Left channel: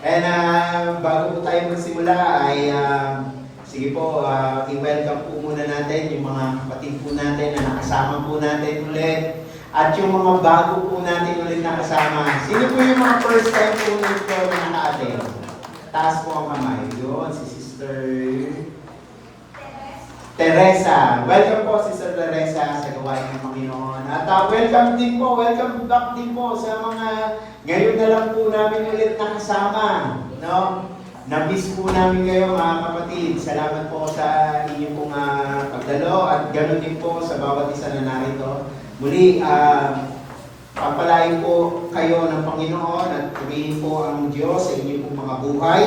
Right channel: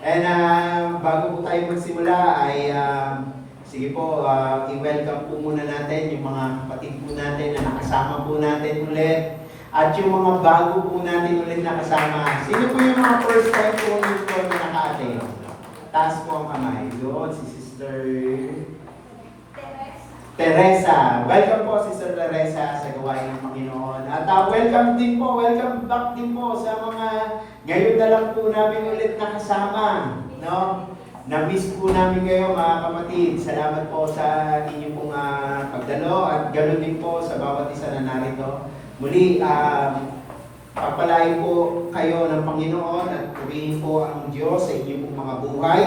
And bago po tayo magsimula ay sige po, i-welcome po muna natin yung mga kapatid po natin na nakasama po natin ulit. At yung mga bago po natin ulit nakasama. Sino po yung mga first time po nito na naka-attend? Taas po ang kamay. Yun, si Sister Teresa. Welcome po, Sister Teresa, sa gawain ng Panginoon. At welcome back din po sa mga ngayon na lang po namin ulit nakasama. No? Na-miss po namin kayo mga kapatid. Salamat po sa inyong pong pagdalo at ganoon din po sa bawat isa na narito. Muli, pagpalain po kayo ng Panginoon at purihin po ang Diyos sa inyong pong mga buhay.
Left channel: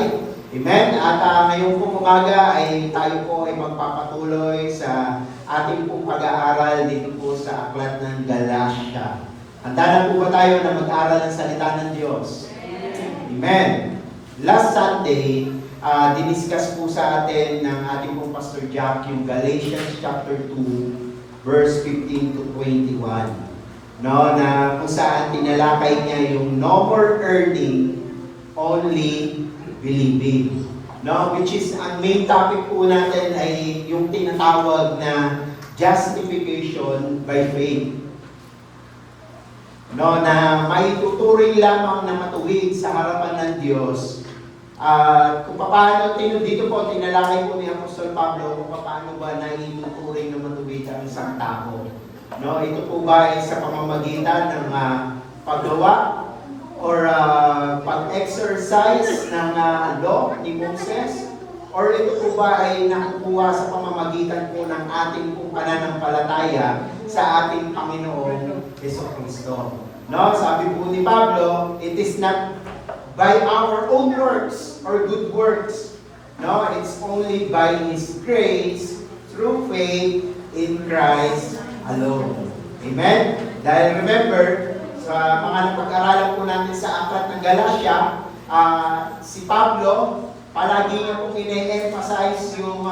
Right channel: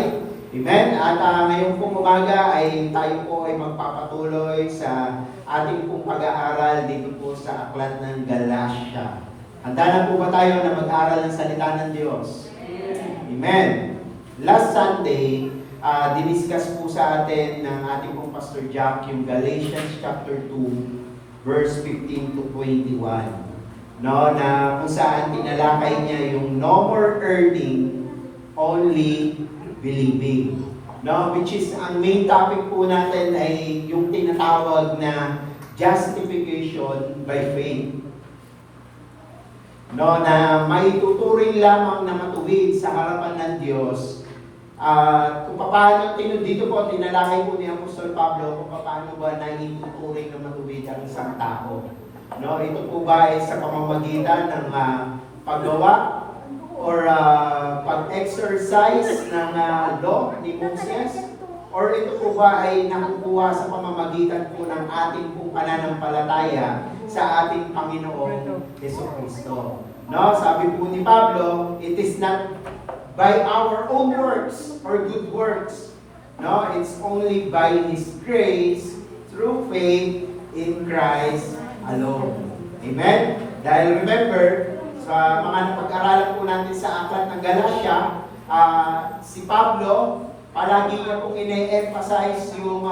Amen. At ngayong pong umaga ay tayo po ay magpapatuloy sa ating pong pag-aaral dito po sa aklat ng Galatia. Handa na po ba tayo na mag-aral ng salita ng Diyos? Amen. Last Sunday, diniscuss po sa atin ng ating pong Pastor Jack yung Galatians chapter 2, verse 15 to 21. No, na kung saan tinalakay niya yung no more earning, only believing. No, which is ang main topic po natin ay yung tinatawag na justification by faith. No, na maituturing lamang na matuwid sa harapan ng Diyos. Kung paano, dito po, tinalakay po ni Apostol Pablo kung paano ba naituturing na matuwid ang isang tao. No, ito po ba ay sa pamamagitan ng paggawa or pag-exercise ng law ni Moses? Or ito po ba ay nakukuha sa pamamagitan po ng ating pong pananampalataya sa ating Panginoong Jesucristo? No, sabi po ni Pablo, it is not by our own works or good works. No, it's only by His grace through faith in Christ alone. Amen? Dahil remember, sa mga napag-aralan po natin sa aklat ng Galatia, si Pablo, palagi niya pong ine-emphasize yung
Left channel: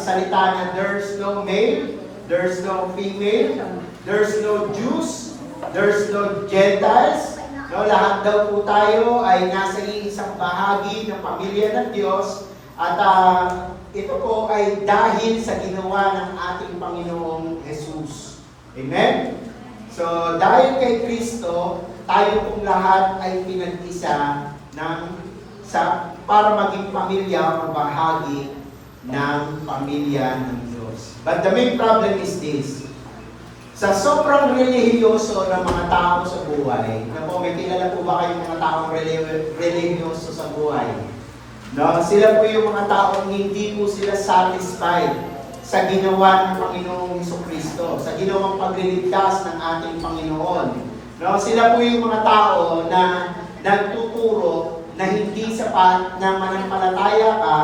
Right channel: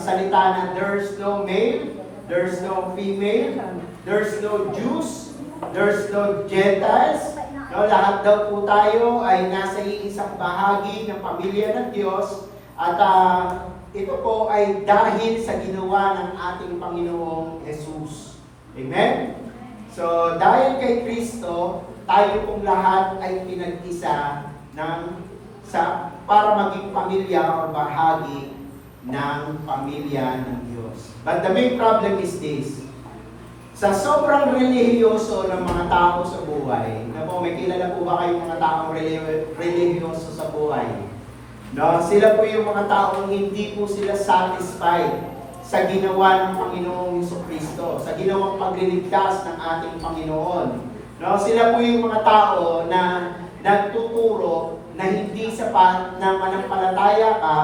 salita na there's no male, there's no female, there's no Jews, there's no Gentiles. No, lahat daw po tayo ay nasa iisang bahagi ng pamilya ng Diyos at ito po ay dahil sa ginawa ng ating Panginoong Jesus. Amen? So, dahil kay Kristo, tayo pong lahat ay pinag-isa para maging pamilya o bahagi ng pamilya ng Diyos. But the main problem is this. Sa sobrang relihiyoso ng mga tao sa buhay, na po, may kilala po ba kayong mga taong relihiyoso sa buhay? No, sila po yung mga taong hindi po sila satisfied sa ginawa ng Panginoong Jesucristo, sa ginawang pagliligtas ng ating Panginoon. No, sila po yung mga tao na nagtuturo na hindi sapat na manampalataya ka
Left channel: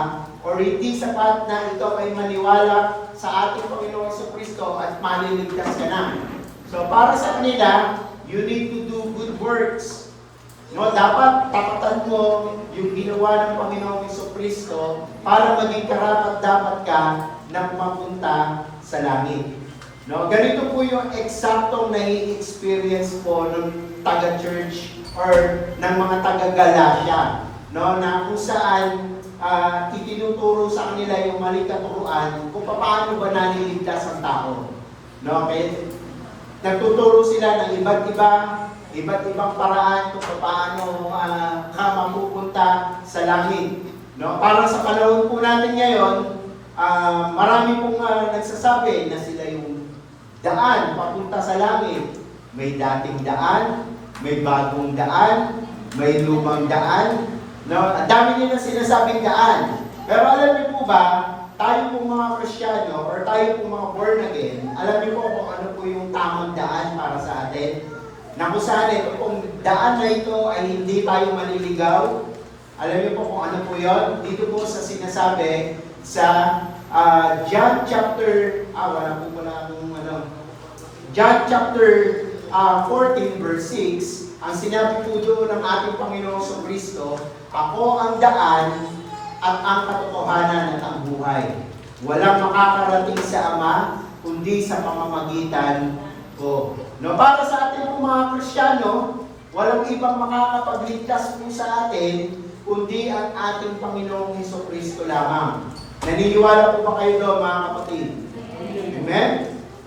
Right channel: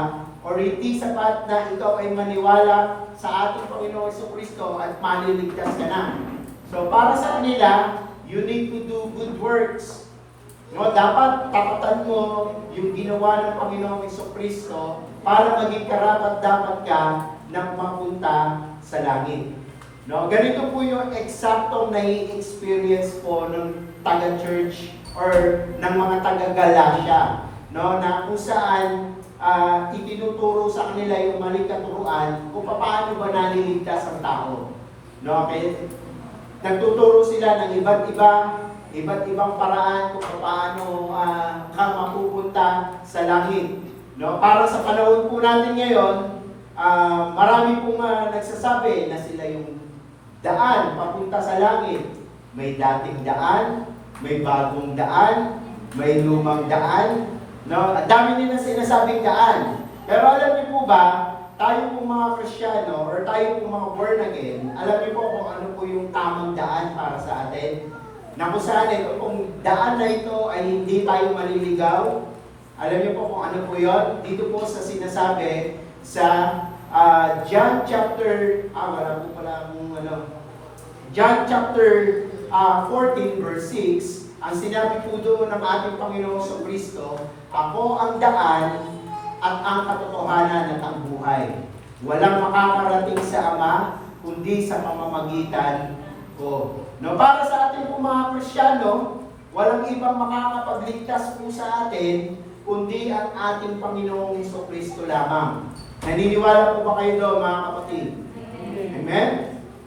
o hindi sapat na ito ay maniwala sa ating Panginoong Jesucristo at maliligtas ka na. So para sa kanila, you need to do good works. No, dapat tapatan mo yung ginawa ng Panginoong Jesucristo para maging karapat-dapat ka na mapunta sa langit. No, ganito po yung eksaktong nai-experience po ng taga-church or ng mga taga-Galatia. No, na kung saan itinuturo sa kanila yung maling katuruan kung paano ba naliligtas ang tao. No, okay? Nagtuturo sila ng iba't ibang paraan kung paano ka mapupunta sa langit. No, para sa panahon po natin ngayon, marami pong nagsasabi na sila yung daan papunta sa langit. May dating daan, may bagong daan, may lumang daan. No, ang dami nila sinasabing daan. Pero alam niyo po ba, tayo pong mga Kristiyano or tayo pong mga born again, alam niyo po kung ano po yung tamang daan para sa atin? Na kung saan ito pong daan na ito ay hindi tayo maliligaw. Alam niyo po kung ano po yun? Dito po sa sinasabi sa John chapter, John chapter 14 verse 6, ang sinabi po doon ng ating Panginoong Jesucristo, ako ang daan at ang katotohanan at ang buhay. Walang makakarating sa Ama, kundi sa pamamagitan ko. No, para sa ating mga Kristiyano, walang ibang makakapagligtas po sa atin, kundi ang ating Panginoong Hesukristo lamang. Naniniwala po ba kayo doon, mga kapatid? Amen?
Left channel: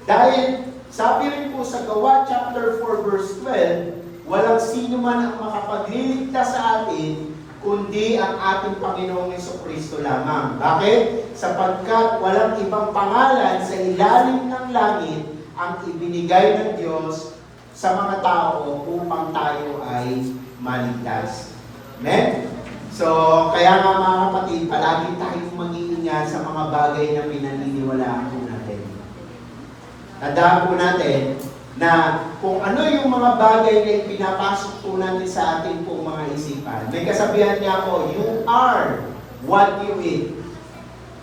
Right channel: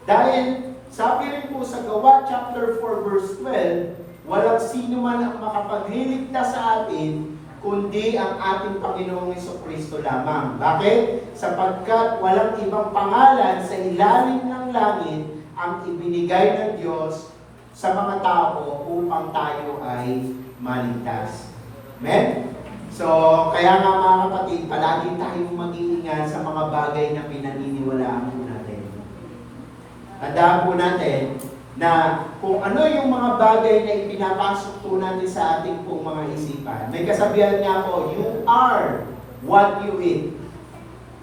Dahil, sabi rin po sa Gawa chapter 4 verse 12, walang sino man ang makapagliligtas sa atin, kundi ang ating Panginoong Hesukristo lamang. Bakit? Sapagkat walang ibang pangalan sa ilalim ng langit ang ibinigay ng Diyos sa mga tao upang tayo ay maligtas. Amen? So, kaya nga mga kapatid, palagi tayong mag-iingat sa mga bagay na pinaniniwalaan po natin. Tandaan po natin na kung ano yung mga bagay na ipinapasok po natin sa ating pong mga isipan. May kasabihan niya po, you are what you eat.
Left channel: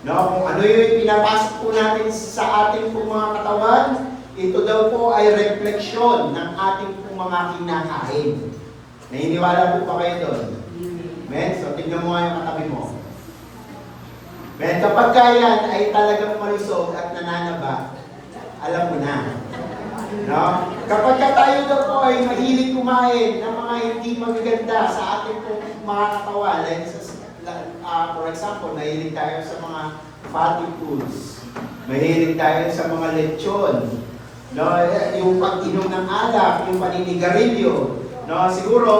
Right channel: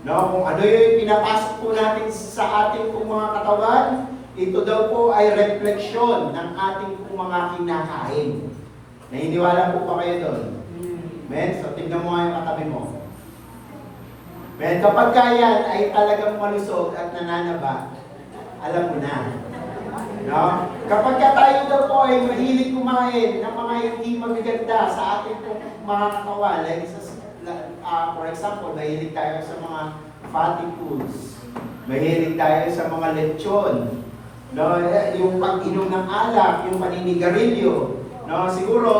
No? Kung ano yung ipinapasok po natin sa ating pong mga katawan, ito daw po ay refleksyon ng ating pong mga kinakain. Naniniwala po ba kayo doon? Men, so tingnan mo nga yung katabi mo. Men, kapag kayan ay talagang malusog at nananaba, alam mo na. No? Kapag tayo daw po ay mahilig kumain ng mga hindi magaganda sa ating mga katawan, like for example, mahilig tayo sa mga fatty foods, mahilig tayo sa mga lechon, no? Yung pag-inom ng alak, yung paninigarilyo, no? Siguro,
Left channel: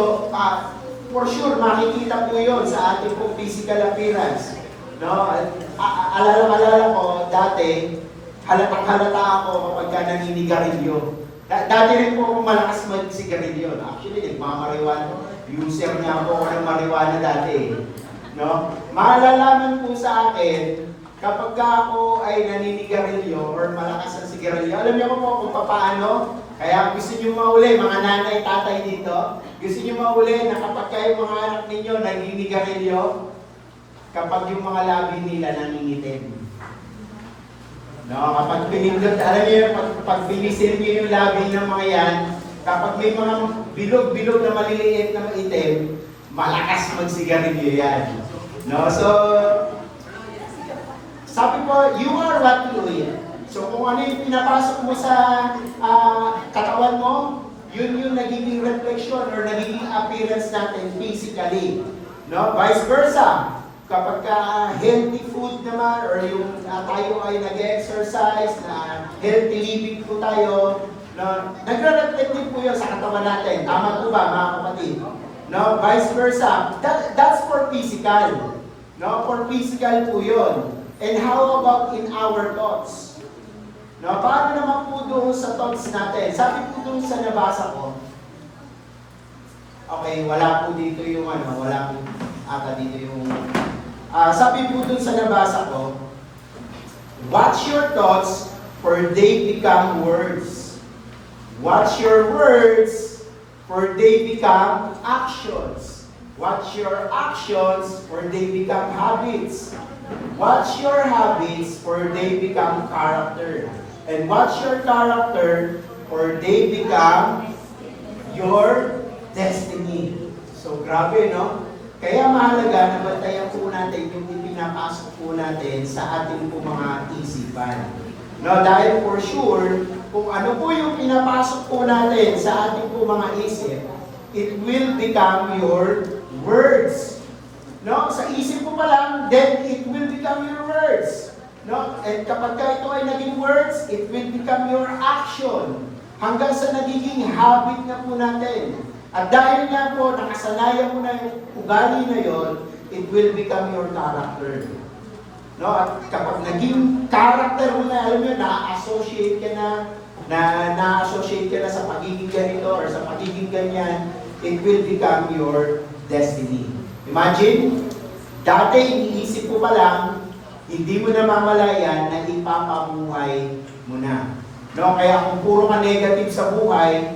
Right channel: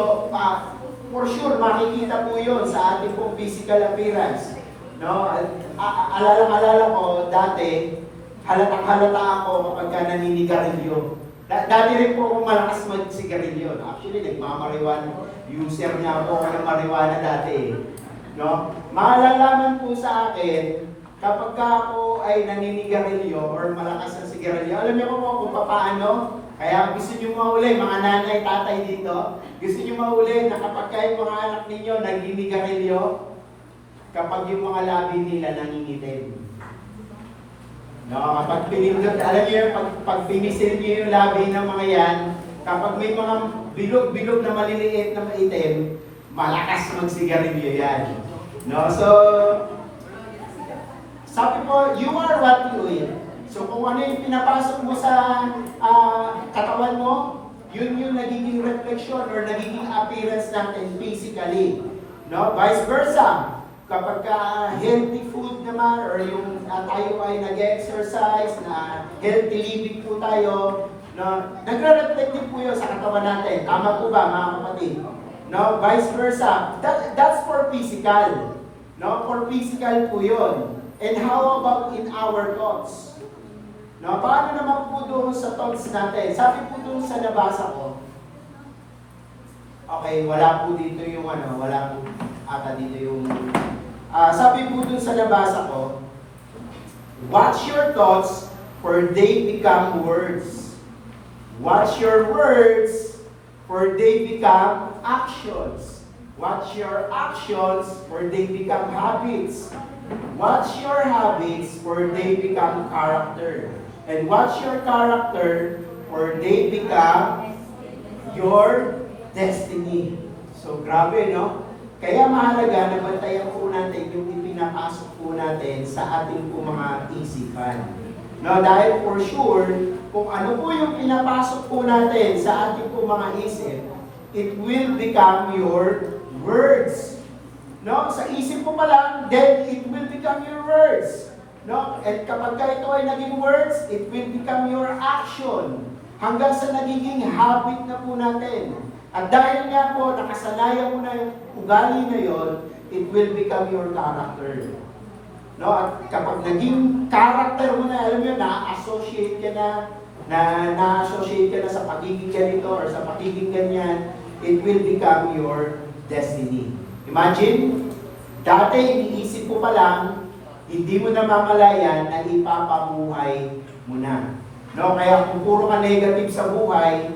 for sure, makikita po yun sa ating pong physical appearance. No? Alala ko, dati, halatang-halata ako kapag naninigarilyo. Dati rin po akong malakas mag-sigarilyo. Actually, nagmamariwan. User nga po ako ng marijuana dati. No? Malalaman po sa akin, kapag ako ay naninigarilyo or malakas ang sigarilyo, alam niyo po kung paano? Kaya gusto niyo mauli, mga nanay, tatay dito, gusto niyo mauli na kapag kayo mga anak ninyo naninigarilyo, kapag yung mga labi nila nangingitim. No, kapag pinindot, alam niyo, pag binisil niyo yung labi ng mga yan, kapag may mga bilog-bilog na maliliit na maitim, malakas magsigarilyo yan. No, so, sabi po, you are what you eat. So kung ano yung pinapasok mo sa katawan mo, yun yung nagiging reflection or nagiging appearance natin physically. No? Vice versa. Kapag healthy food naman or yung tayo ay nag-exercise, na healthy living po tayo, no? Nagre-reflect din po yun sa katawan natin. Tama po ba, mga kapatid? No? Vice versa. That's for physical. No? For physical po yun. And how about in our thoughts? No, paano naman po doon sa thoughts natin? Sabi po doon sa nabasa ko, okay, wala po dito yung wala po ata dito yung, sabi po doon sa nabasa ko, watch your thoughts for they become words. Watch your words for they become actions. Watch your actions for they become habits. Watch your habits for they become character. And watch your character or they become your destiny. So grabe, no? Kaya mahalaga na bantayan po natin yung ipinapasok po natin sa ating po mga isipan. No, dahil for sure, kung ano po yung pinapasok po natin sa ating po mga isip, it will become your words. No, sa isip po pa lang, then it will become your words. No? And kapag ito ay naging words, it will become your action. Hanggang sa nagiging habit na po natin. At dahil nga po, nakasanayan mo na yung ugali na yon, it will become your character. No? At kapag naging character mo na, alam mo, na-associate ka na sa pagiging ganito or sa pagiging ganyan, it will become your destiny. Imagine, dati iniisip mo pa lang, hindi mo na mamalayan na ipapabuhay mo na. No? Kaya kung puro ka negative sa buhay,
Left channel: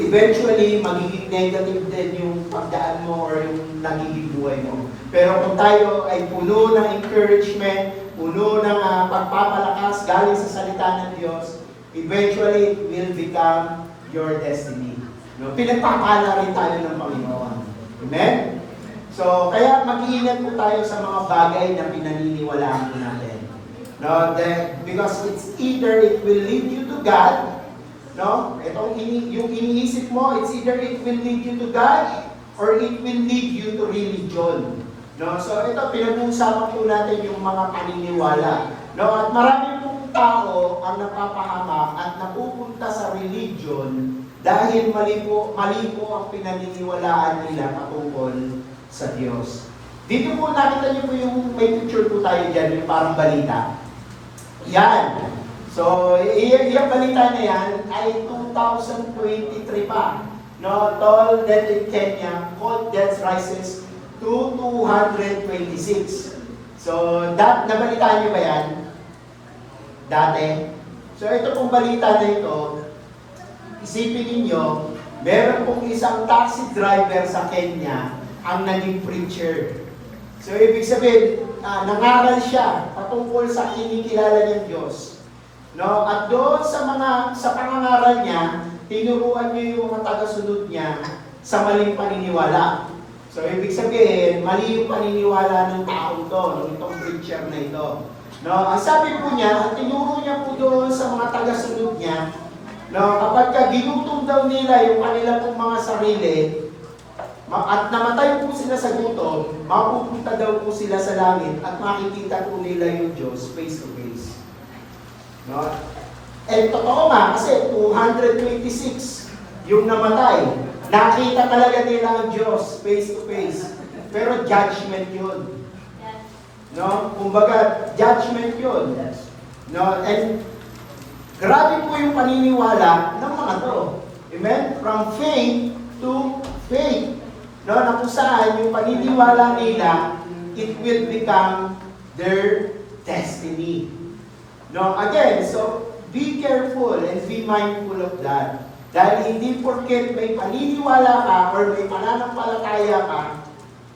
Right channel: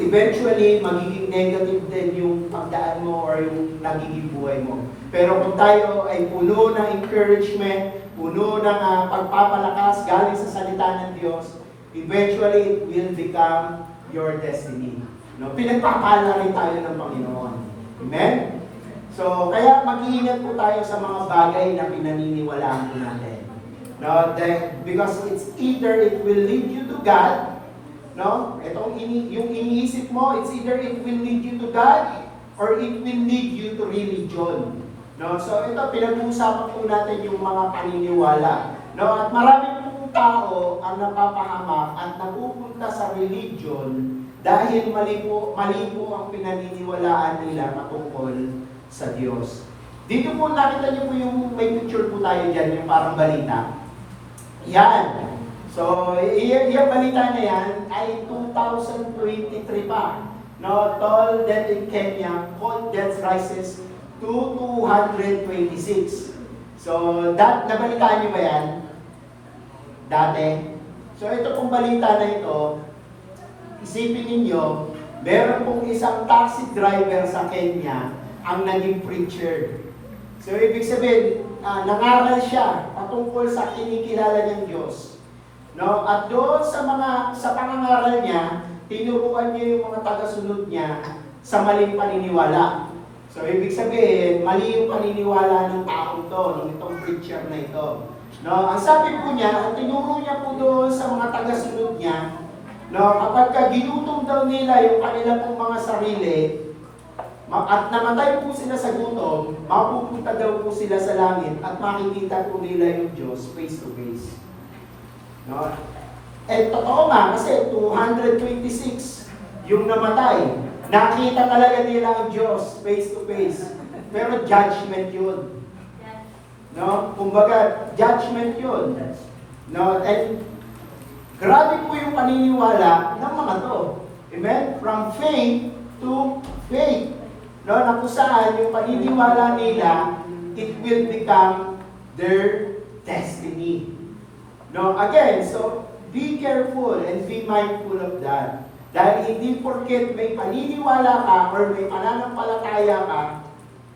eventually magiging negative din yung pagdaan mo or yung nagiging buhay mo. Pero kung tayo ay puno ng encouragement, puno ng pagpapalakas galing sa salita ng Diyos, eventually it will become your destiny. No? Pinagpapala rin tayo ng Panginoon. Amen? So, kaya mag-iingat po tayo sa mga bagay na pinaniniwalaan po natin. No, because it's either it will lead you to God No? Yung iniisip mo, it's either it will lead you to God or it will lead you to religion. No? So ito, pinag-uusapan po natin yung mga paniniwala. No? At marami pong tao ang napapahamak at napupunta sa religion dahil mali po ang pinaniniwalaan nila patungkol sa Diyos. Dito po nakita niyo po yung may picture po tayo dyan, yung parang balita. Yan. So, yung balita na yan ay 2023 pa. No, toll death in Kenya, cold death rises to 226. So, nabalitaan niyo ba yan? Dati. So, ito pong balita na ito, isipin ninyo, meron pong isang taxi driver sa Kenya ang naging preacher. So, ibig sabihin, nangaral siya patungkol sa kinikilala niyang Diyos. No? At doon sa pangangaral niya, tinuruan niya yung mga tagasunod niya sa maling paniniwala. So, ibig sabihin, mali yung paniniwala ng taong to, ng itong preacher na ito. No? Ang sabi po niya, ang tinuro niya po doon sa mga tagasunod niya, no, kapag ginutom daw nila yung kanila pong mga sarili, at namatay po sila sa gutom, mapupunta daw po sila sa langit at makikita po nila yung Diyos face to face. No? Eh, totoo nga, kasi 226 yung namatay. Nakita talaga nila ang Diyos face to face. Pero judgment yun. No? Kumbaga, judgment yun. No? And grabe po yung paniniwala ng mga to. Amen? From faith to faith. No, na kung saan yung paniniwala nila, it will become their destiny. No, again, so be careful and be mindful of that. Dahil hindi porket may paniniwala ka or may pananampalataya ka,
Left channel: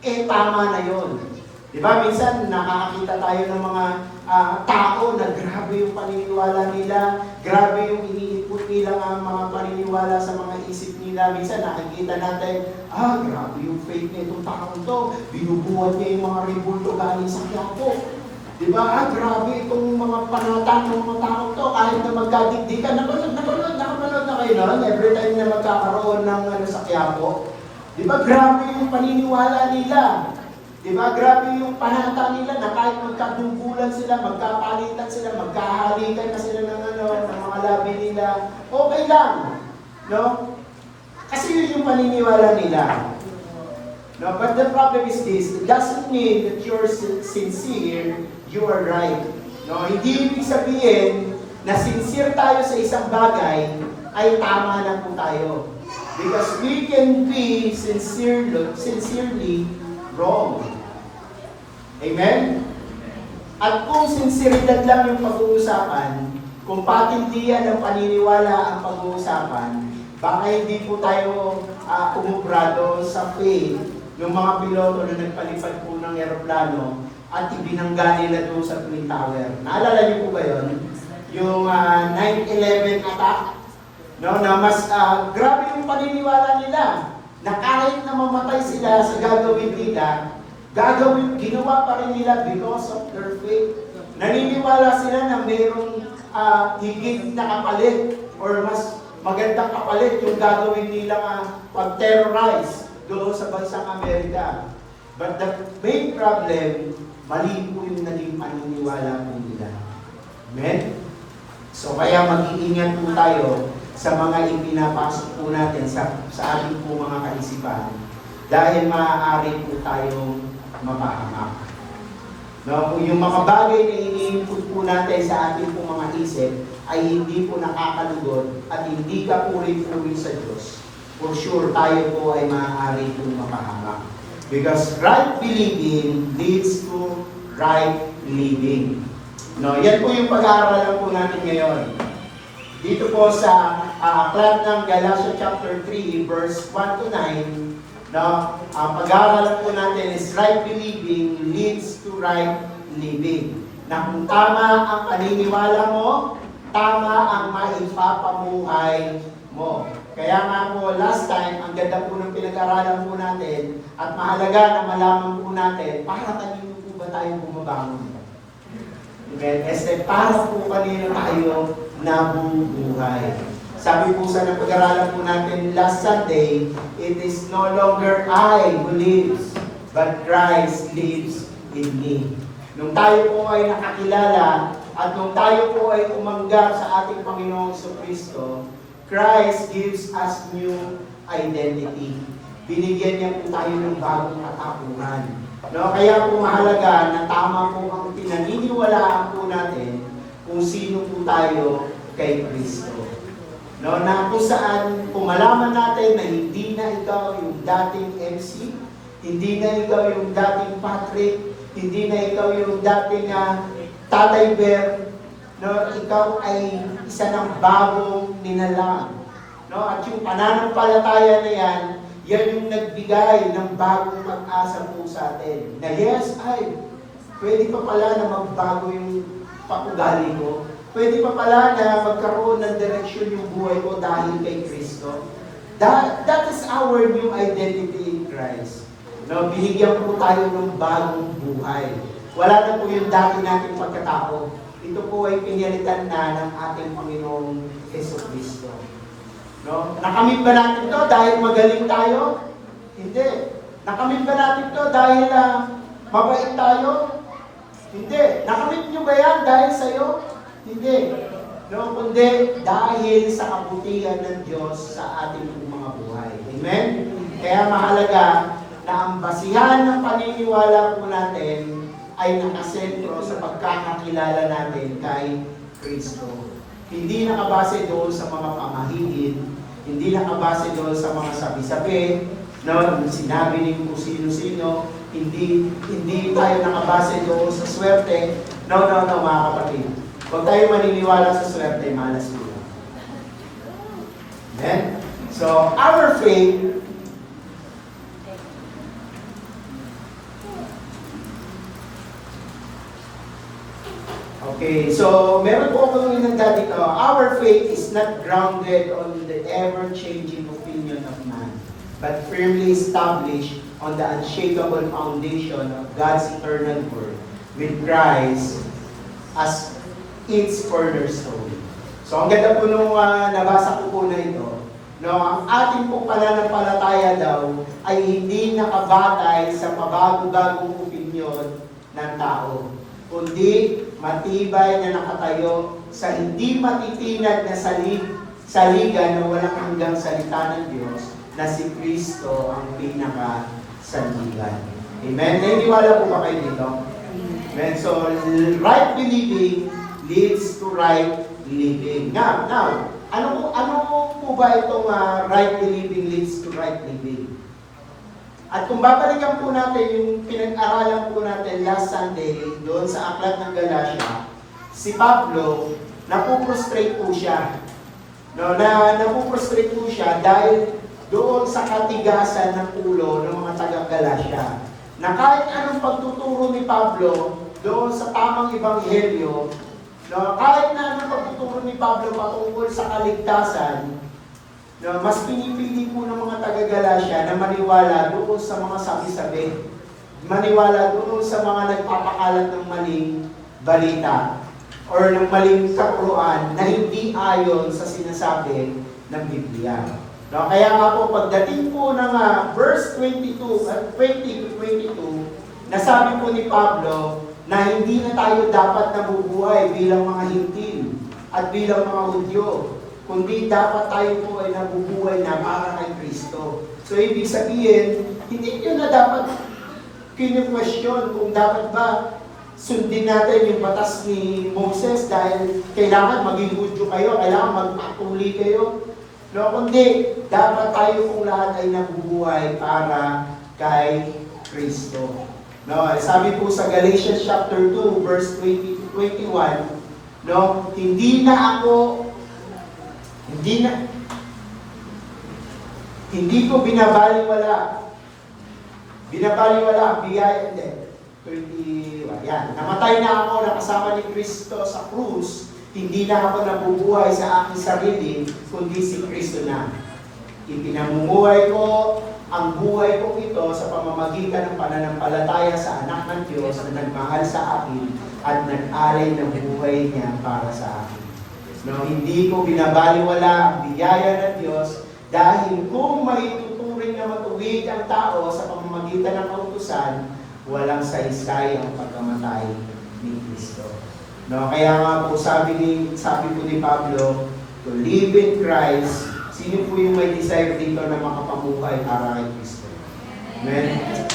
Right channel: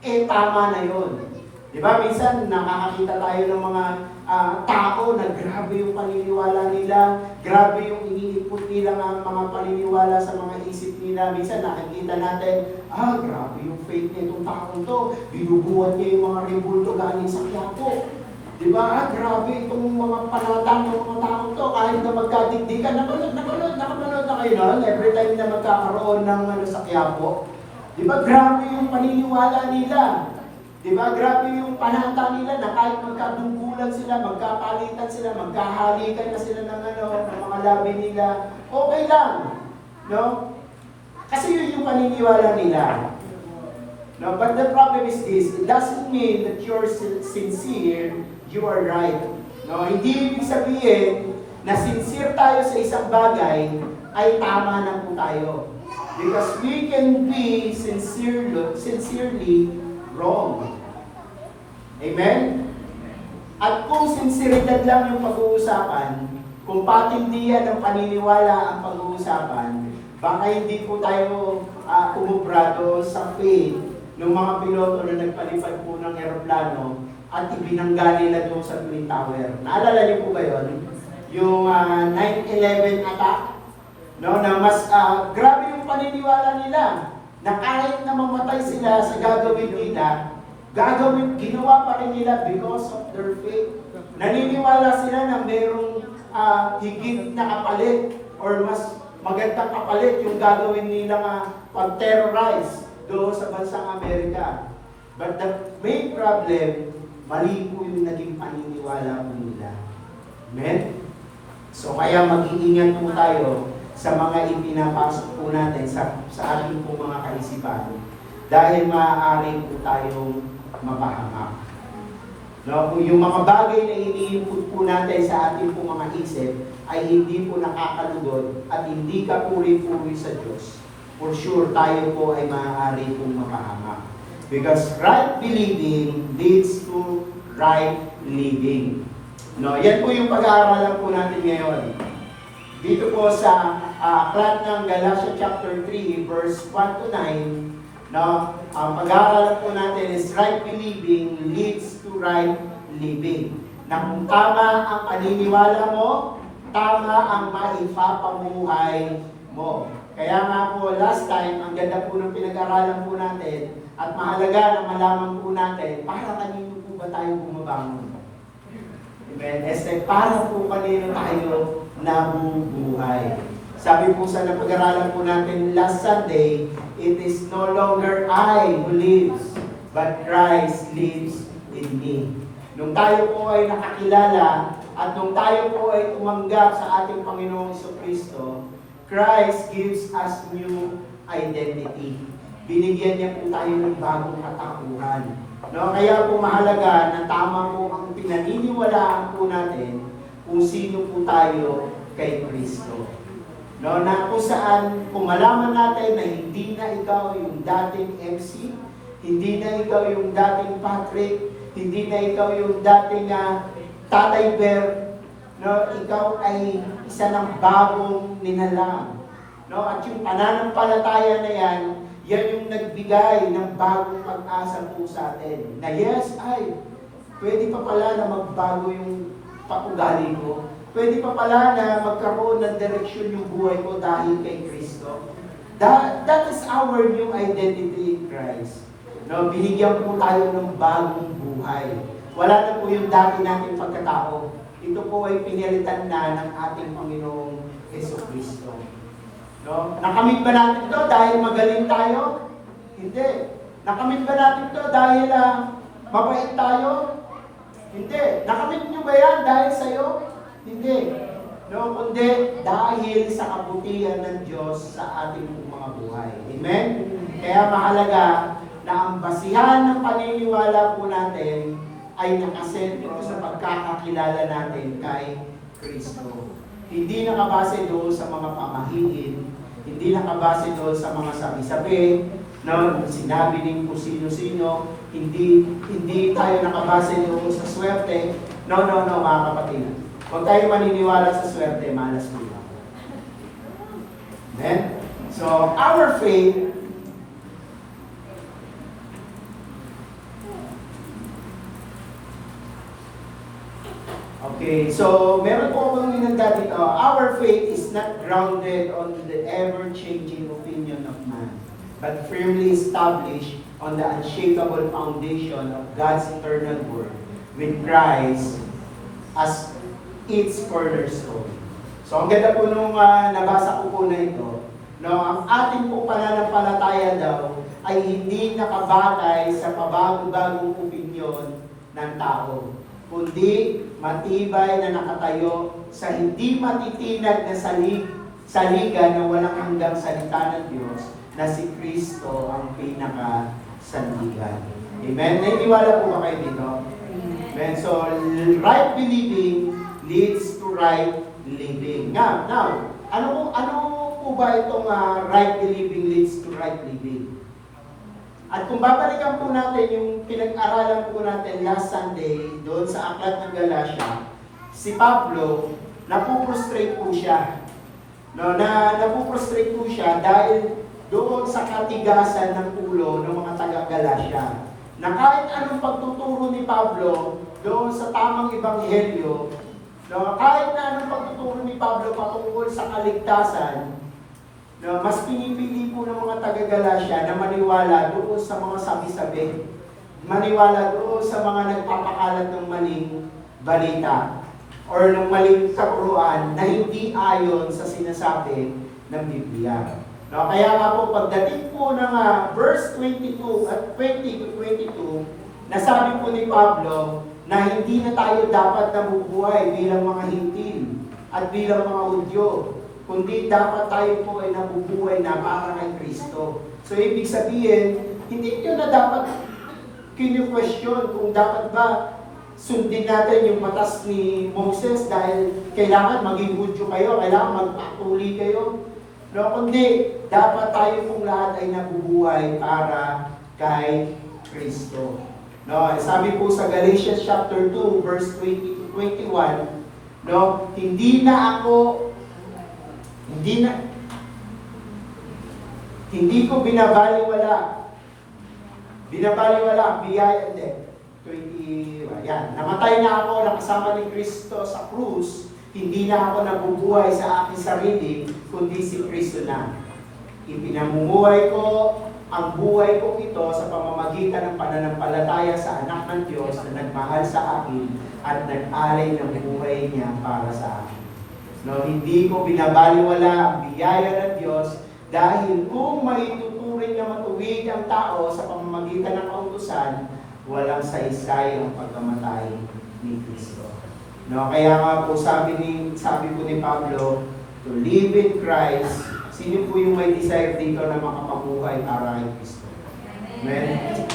eh tama na yun. Di ba? Minsan nakakakita tayo ng mga tao na grabe yung paniniwala nila, grabe yung iniipot nila ang mga paniniwala sa mga isip nila. Minsan nakikita natin, grabe yung faith na itong taong to, binubuhat niya yung mga rebulto galing sa Quiapo. Di ba? Grabe itong mga panatan ng mga taong to, kahit na magkadigdikan. Napanood na kayo nun, every time na magkakaroon ng sa Quiapo. Di ba? Grabe yung paniniwala nila. Diba? Grabe yung panata nila na kahit magkadungkulan sila, magkapalitan sila, magkahalikan na sila ng mga labi nila, okay lang. No? Kasi yun yung paniniwala nila. No? But the problem is this, it doesn't mean that you're sincere, you are right. No? Hindi ibig sabihin na sincere tayo sa isang bagay, ay tama na po tayo. Because we can be sincerely wrong. Amen? At kung sinseridad lang yung pag-uusapan, kung patindihan ng paniniwala ang pag-uusapan, baka hindi po tayo umubrado sa faith ng mga piloto na nagpalipad po ng eroplano at ibinangga nila doon sa Twin Tower. Naalala niyo po ba yun? Yung 9/11 attack? No, na mas grabe yung paniniwala nila na kahit na mamatay sila sa gagawin nila, ginawa pa rin nila because of their faith. Naniniwala sila na mayroong higit na kapalit or mas magandang kapalit yung gagawin nila pag-terrorize doon sa bansang Amerika. But the main problem, mali po yung naging paniniwala po nila. Amen? So kaya mag-iingat po tayo sa mga ipinapasok po natin sa ating po mga kaisipan dahil maaari po tayong mapahamak. No, kung yung mga bagay na iniinput po natin sa ating po mga isip ay hindi po nakakalugod at hindi ka puri-puri sa Diyos, for sure tayo po ay maaari pong mapahamak. Because right believing leads to right living. No, yan po yung pag-aaralan po natin ngayon. Dito po sa aklat ng Galatia chapter 3, verse 1 to 9, no, ang pag-aaralan po natin is right believing leads to right living. Na kung tama ang paniniwala mo, tama ang maipapamuhay mo. Kaya nga po, last time, ang ganda po ng pinag-aralan po natin at mahalaga na malaman po natin, para kanino po ba tayo bumabangon? Amen? Para po kanino tayo nabubuhay. Sabi po sa napag-aralan po natin last Sunday, it is no longer I who lives, but Christ lives in me. Nung tayo po ay nakakilala at nung tayo po ay umanggap sa ating Panginoong Kristo, Christ gives us new identity. Binigyan niya po tayo ng bagong katauhan. No, kaya po mahalaga na tama po ang pinaniniwalaan po natin kung sino po tayo kay Kristo. No, na kung saan, kung malaman natin na hindi na ikaw yung dating MC, hindi na ikaw yung dating Patrick, hindi na ikaw yung dating Tatay Bear, no, ikaw ay isa ng bagong nilalang. No, at yung pananampalataya na yan yung nagbigay ng bagong pag-asa po sa atin. Na yes, ay, pwede pa pala na magbago yung paugali ko. Pwede pa pala na magkaroon ng direksyon yung buhay ko dahil kay Kristo. That is our new identity in Christ. No, binigyan po tayo ng bagong buhay. Wala na po yung dati nating pagkatao. Ito po ay pinilitan na ng ating Panginoong Jesucristo. No? Nakamit ba natin to dahil magaling tayo? Hindi. Nakamit ba natin to dahil mabait tayo? Hindi. Nakamit nyo ba yan dahil sa'yo? Hindi. No, kundi dahil sa kabutihan ng Diyos sa ating mga buhay. Amen? Kaya mahalaga na ang basihan ng paniniwala po natin ay nakasentro sa pagkakakilala natin kay Kristo. Hindi nakabase doon sa mga pamahigin, hindi nakabase doon sa mga sabi-sabi, no, sinabi ni kung sino-sino, hindi tayo nakabase doon sa swerte. No, mga kapatid. Huwag tayo maniniwala sa swerte, malas mo. Amen? So, our faith okay, so meron po akong inanda dito. Our faith is not grounded on the ever-changing opinion of man, but firmly established on the unshakable foundation of God's eternal word, with Christ as its cornerstone. So ang ganda po nung nabasa ko po na ito, no, ang ating po pananampalataya daw ay hindi nakabatay sa pabago-bagong opinion ng tao, kundi matibay na nakatayo sa hindi matitinag na saligan na walang hanggang salita ng Diyos na si Kristo ang pinaka-sandigan. Amen? Naniniwala po ba kayo dito? Amen? So, right believing leads to right living. Now, ano po ba itong right believing leads to right living? At kung babalikan po natin yung pinag-aralan po natin last Sunday doon sa Aklat ng Galatia, si Pablo, napuprostrate po siya. No, napuprostrate po siya dahil doon sa katigasan ng ulo ng mga taga-Galatia. Na kahit anong pagtuturo ni Pablo doon sa tamang ebanghelyo, no, kahit na anong pagtuturo ni Pablo patungkol sa kaligtasan, no, mas pinipili po ng mga taga-Galatia na maniwala doon sa mga sabi-sabi. Maniwala doon sa mga nagpapakalat ng maling balita or ng maling kapuruan na hindi ayon sa sinasabi ng Biblia. No, kaya nga po pagdating po ng verse 22 at 20 to 22, nasabi po ni Pablo na hindi na tayo dapat nabubuhay bilang mga hintil at bilang mga Hudyo, kundi dapat tayo po ay nabubuhay na para kay Kristo. So, ibig sabihin, hindi nyo na dapat kinu-question kung dapat ba sundin natin yung batas ni Moses dahil kailangan maging Hudyo kayo, kailangan magpatuli kayo. No, kundi dapat tayo kung lahat ay nabubuhay para kay Kristo. No, sabi po sa Galatians chapter 2, verse 20 to 21, no, hindi ko binabaliwala ang biyaya, hindi. 21, yan. Namatay na ako, nakasama ni Kristo sa krus, hindi na ako nabubuhay sa aking sarili, kundi si Kristo na. Ipinamumuhay ko ang buhay ko ito sa pamamagitan ng pananampalataya sa anak ng Diyos na nagmahal sa akin at nag-alay ng buhay niya para sa akin. No, hindi ko binabaliwala ang biyaya ng Diyos dahil kung maituturing na matuwid ang tao sa pamamagitan ng kautusan, walang saysay ang pagkamatay ni Kristo. No, kaya nga po sabi po ni Pablo, to live in Christ, sino po yung may desire dito na makapamuhay para kay Kristo? Amen?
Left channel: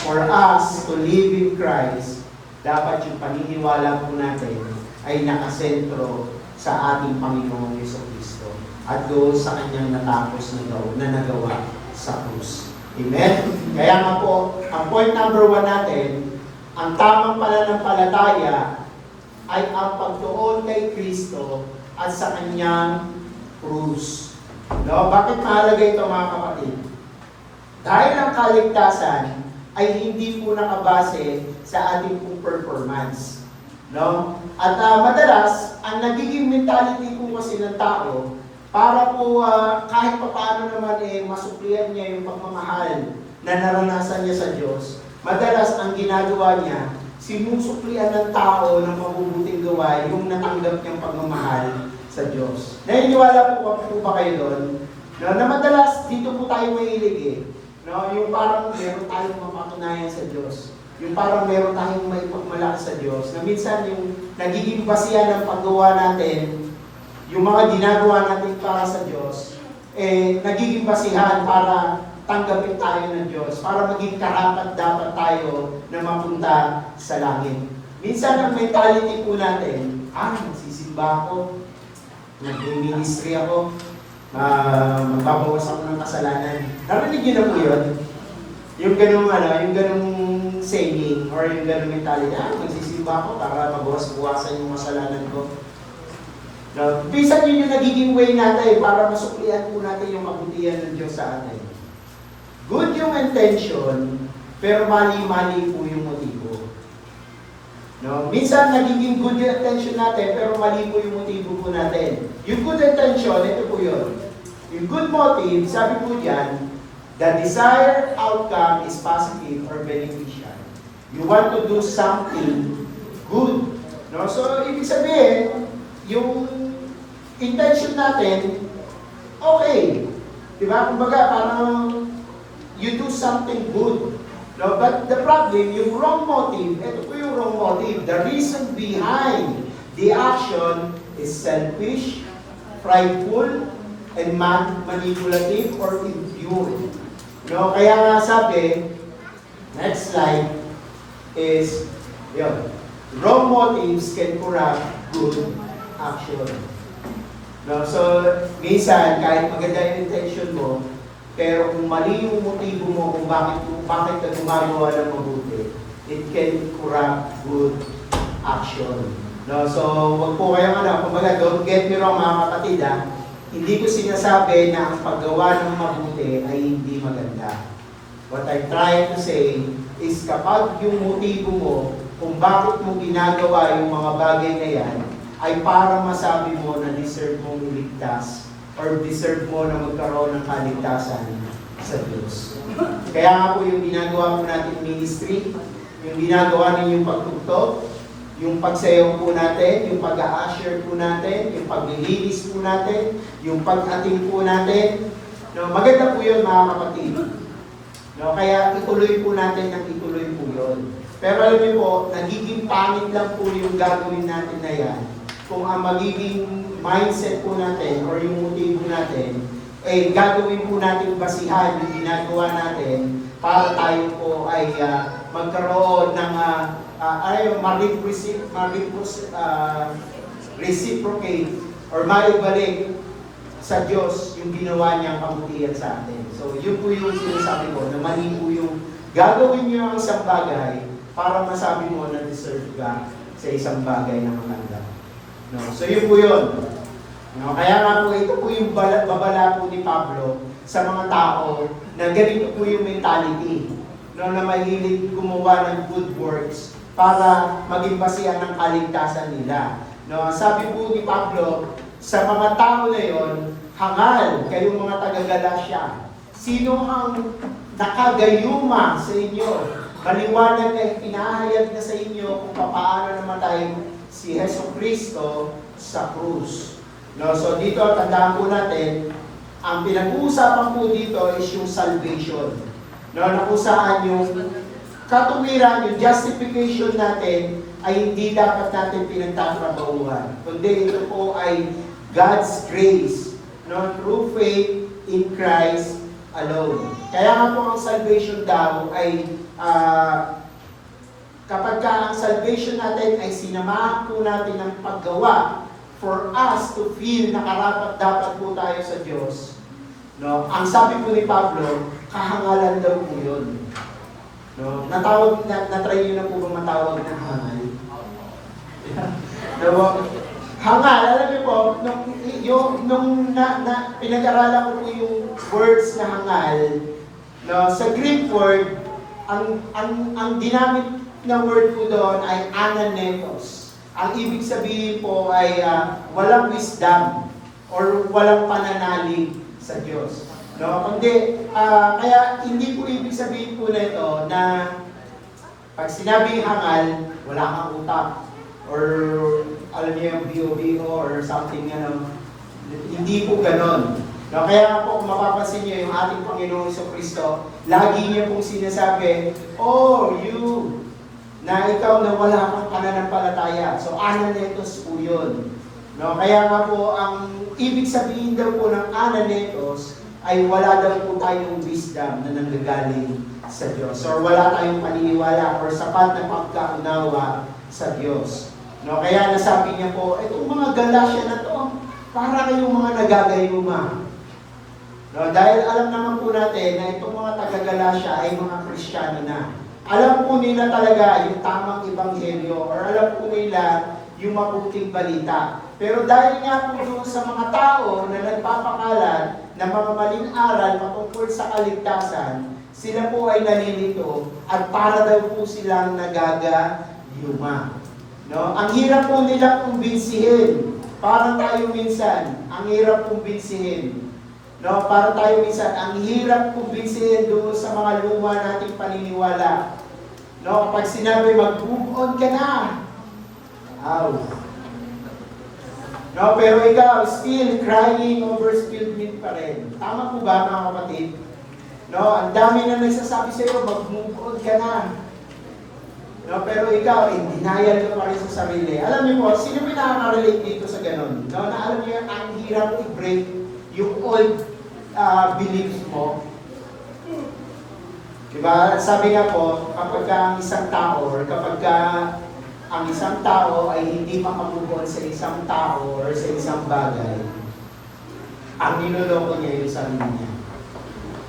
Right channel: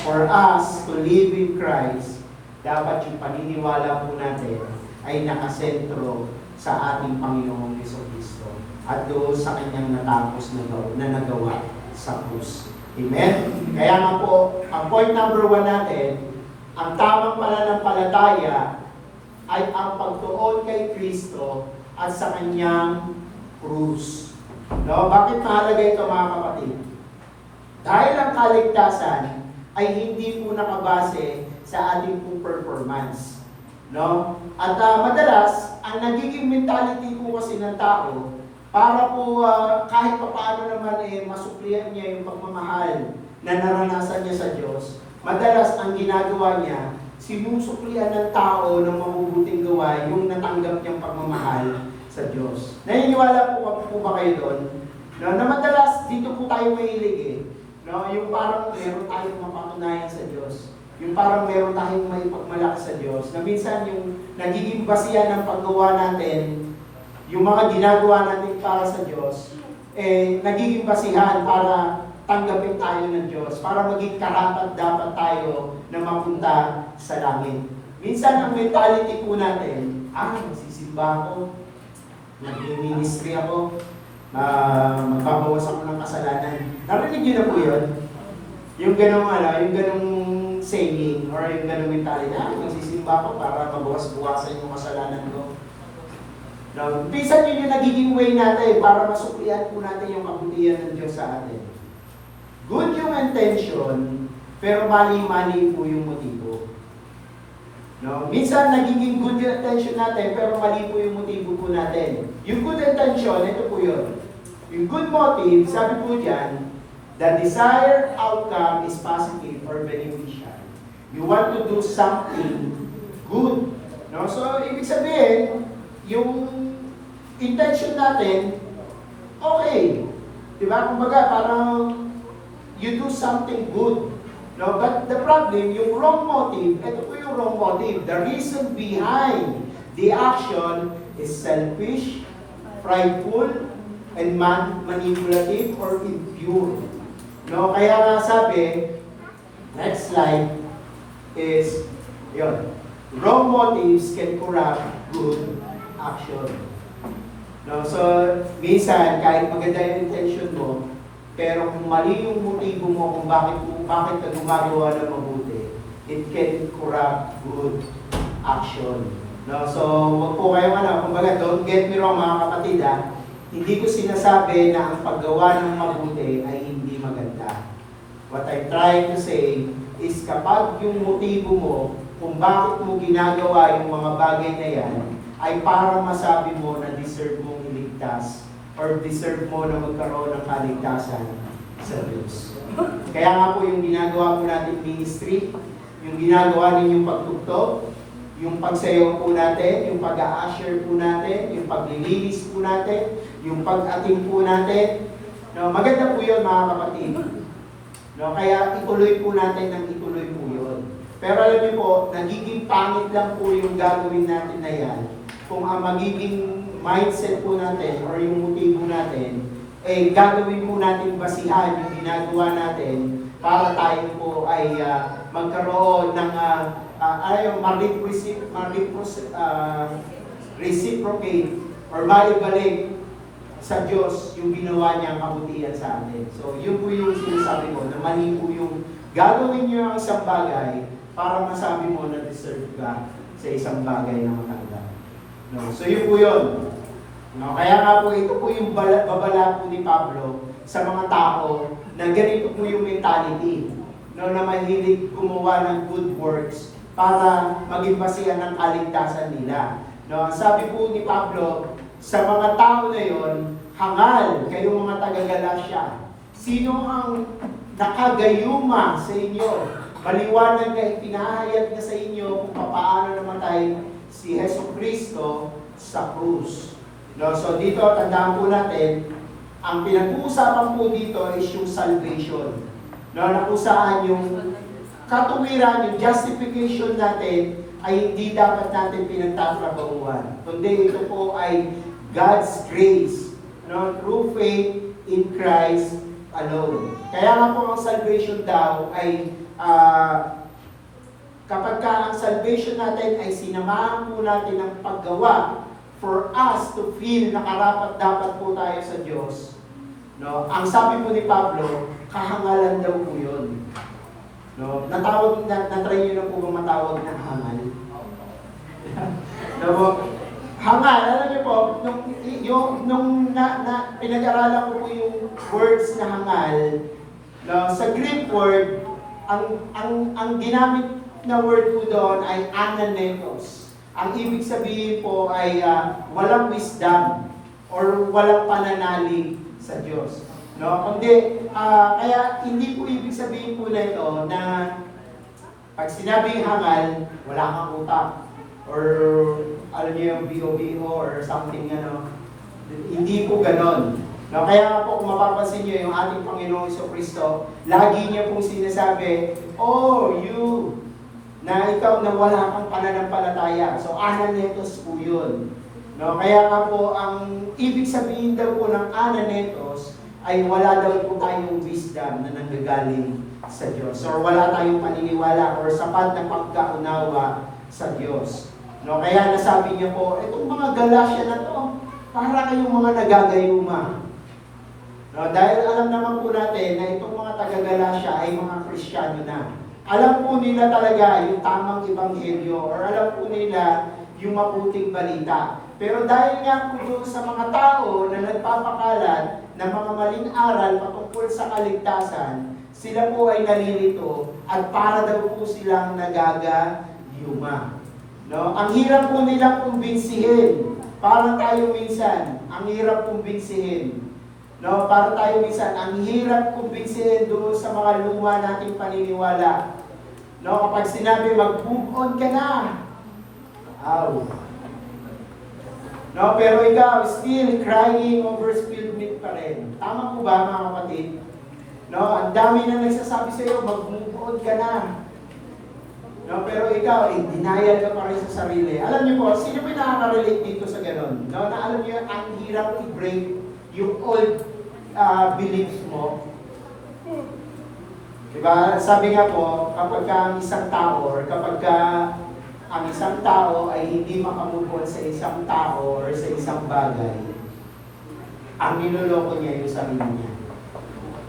For us to live in Christ, dapat yung paniniwala po natin ay nakasentro sa ating Panginoong Jesucristo at doon sa kanyang natapos na nagawa sa krus. Amen? Kaya nga po, ang point number 1 natin, ang tamang pananampalataya ay ang pagtuon kay Kristo at sa kanyang krus. No? Bakit mahalaga ito mga kapatid? Dahil ang kaligtasan ay hindi po nakabase sa ating po performance. No? At madalas, ang nagiging mentality po kasi ng tao, para po kahit papaano naman masuklian niya yung pagmamahal na naranasan niya sa Diyos, madalas ang ginagawa niya, sinusuklian ng tao ng mabubuting gawa yung natanggap niyang pagmamahal sa Diyos. Naniniwala po ba kayo doon? No, na madalas dito po tayo mahilig no, yung parang meron tayong mapatunayan sa Diyos. Yung parang meron tayong may pagmalaki sa Diyos. Na minsan yung nagiging basihan ng paggawa natin, yung mga ginagawa natin para sa Diyos, nagiging basihan para tanggapin tayo ng Diyos, para maging karapat dapat tayo na mapunta sa langit. Minsan ang mentality po natin, magsisimba ako, mag-ministry ako, magbabawas ako ng kasalanan. Narinig niyo na po yun? Yung ganong saying, or yung ganong mentality, magsisimba ako para mabawas-buwasan yung kasalanan ko. No, bisan yun yung nagiging way natin para masuklian po natin yung kabutihan ng Diyos sa atin. Good yung intention, pero mali-mali po yung motibo. No? Minsan nagiging good yung intention natin, pero mali po yung motibo po natin. Yung good intention, ito po yun. Yung good motive, sabi po dyan, the desired outcome is positive or beneficial. You want to do something good. No? So, ibig sabihin, yung intention natin, okay. Diba? Kumbaga, parang you do something good. No? But the problem, yung wrong motive, ito po yung wrong motive. The reason behind the action is selfish, prideful, and manipulative or impure. No? Kaya nga sabi, next slide is, yun, wrong motives can corrupt good action. No? So, minsan, kahit maganda yung intention mo, pero kung mali yung motibo mo kung bakit ka gumagawa ng mabuti, it can corrupt good action. No? So, wag po kayong kumbaga, don't get me wrong mga kapatid hindi ko sinasabi na ang paggawa ng mabuti ay hindi maganda. What I'm trying to say is kapag yung motibo mo kung bakit mo ginagawa yung mga bagay na yan, ay para masabi mo na deserve mong iligtas or deserve mo na magkaroon ng kaligtasan sa Diyos. Kaya nga po yung ginagawa po natin ministry, yung ginagawa ninyong pagtugtog, yung pagsayaw po natin, yung pag-a-usher po natin, yung paglilinis po natin, yung pag-ating po natin. No, maganda po yun mga kapatid. No, kaya ituloy po natin ng ituloy po yun. Pero alam niyo po, nagiging pangit lang po yung gagawin natin na yan kung ang magiging mindset po natin or yung motibo natin, gagawin po natin basihan yung ginagawa natin para tayo po ay magkaroon ng reciprocate or maibalik sa Diyos yung ginawa niyang kabutihan sa atin. So, yun po yung sinasabi ko, na mali po yung gagawin niyo ang isang bagay para masabi mo na deserve ka sa isang bagay na matanggap. No? So, yun po yun. No? Kaya nga po, ito po yung babala po ni Pablo sa mga tao na ganito po yung mentality. No, na mahilig gumawa ng good works para maging basihan ng kaligtasan nila. No, sabi po ni Pablo, sa mga tao na yon, hangal kayong mga taga-Galasya. Sino ang nakagayuma sa inyo? Maliwanag na ipinahayag na sa inyo kung paano namatay si Jesucristo sa krus. No, so dito, tandaan po natin, ang pinag-uusapan po dito is yung salvation. No, na kung saan yung katuwiran, yung justification natin ay hindi dapat natin pinagtatrabahuan. Kundi ito po ay God's grace, no, through faith in Christ alone. Kaya nga po ang salvation daw ay kapag ka ang salvation natin ay sinamahan po natin ng paggawa for us to feel na karapat-dapat po tayo sa Diyos. No? Ang sabi po ni Pablo, kahangalan daw po yun. No? Na-try nyo na po ba matawag na hangal? No? Hangal, alam niyo po, nung pinag-aralan ko po yung words na hangal, no? Sa Greek word, ang ginamit na word po doon ay ananetos. Ang ibig sabihin po ay walang wisdom or walang pananalig sa Diyos. No? Kundi, kaya hindi po ibig sabihin po na ito na pag sinabing hangal, wala kang utak or alam niyo yung B.O.B.O. or something ano. Hindi po ganon. No? Kaya nga po kung mapapansin niyo yung ating Panginoong Jesucristo, lagi niya pong sinasabi, oh, you, na ikaw na wala kang pananampalataya. So, ananetos po yun. No? Kaya nga po, ang ibig sabihin daw po ng ananetos ay wala daw po tayong wisdom na nanggagaling sa Diyos. Or wala tayong paniniwala or sapat na pagkaunawa sa Diyos. No? Kaya nasabi niya po, itong mga Galasya na to, para kayong mga nagagayuma. No? Dahil alam naman po natin na itong mga taga-Galasya ay mga Kristiyano na. Alam po nila talaga yung tamang ebanghelyo or alam po nila yung mabuting balita. Pero dahil nga po doon sa mga tao na nagpapakalat ng mga maling aral patungkol sa kaligtasan, sila po ay nalilito at para daw po silang nagagayuma. No? Ang hirap po nilang kumbinsihin. Parang tayo minsan, ang hirap kumbinsihin. No, para tayo minsan, ang hirap kumbinsihin doon sa mga luma nating paniniwala. No, kapag sinabi mag-move on ka na. Ow. No, pero ikaw still crying over spilled milk pa rin. Tama po ba mga kapatid? No, ang dami na nagsasabi sa iyo, mag-move on ka na. No, pero ikaw, denial ka pa rin sa sarili. Alam niyo po, sino ba nakaka-relate dito sa ganun? No, na alam niyo, ang hirap i-break yung old beliefs mo. Diba? Sabi nga po, kapag ang isang tao or kapag ang isang tao ay hindi makamove on sa isang tao or sa isang bagay, ang niloloko niya yung sarili niya.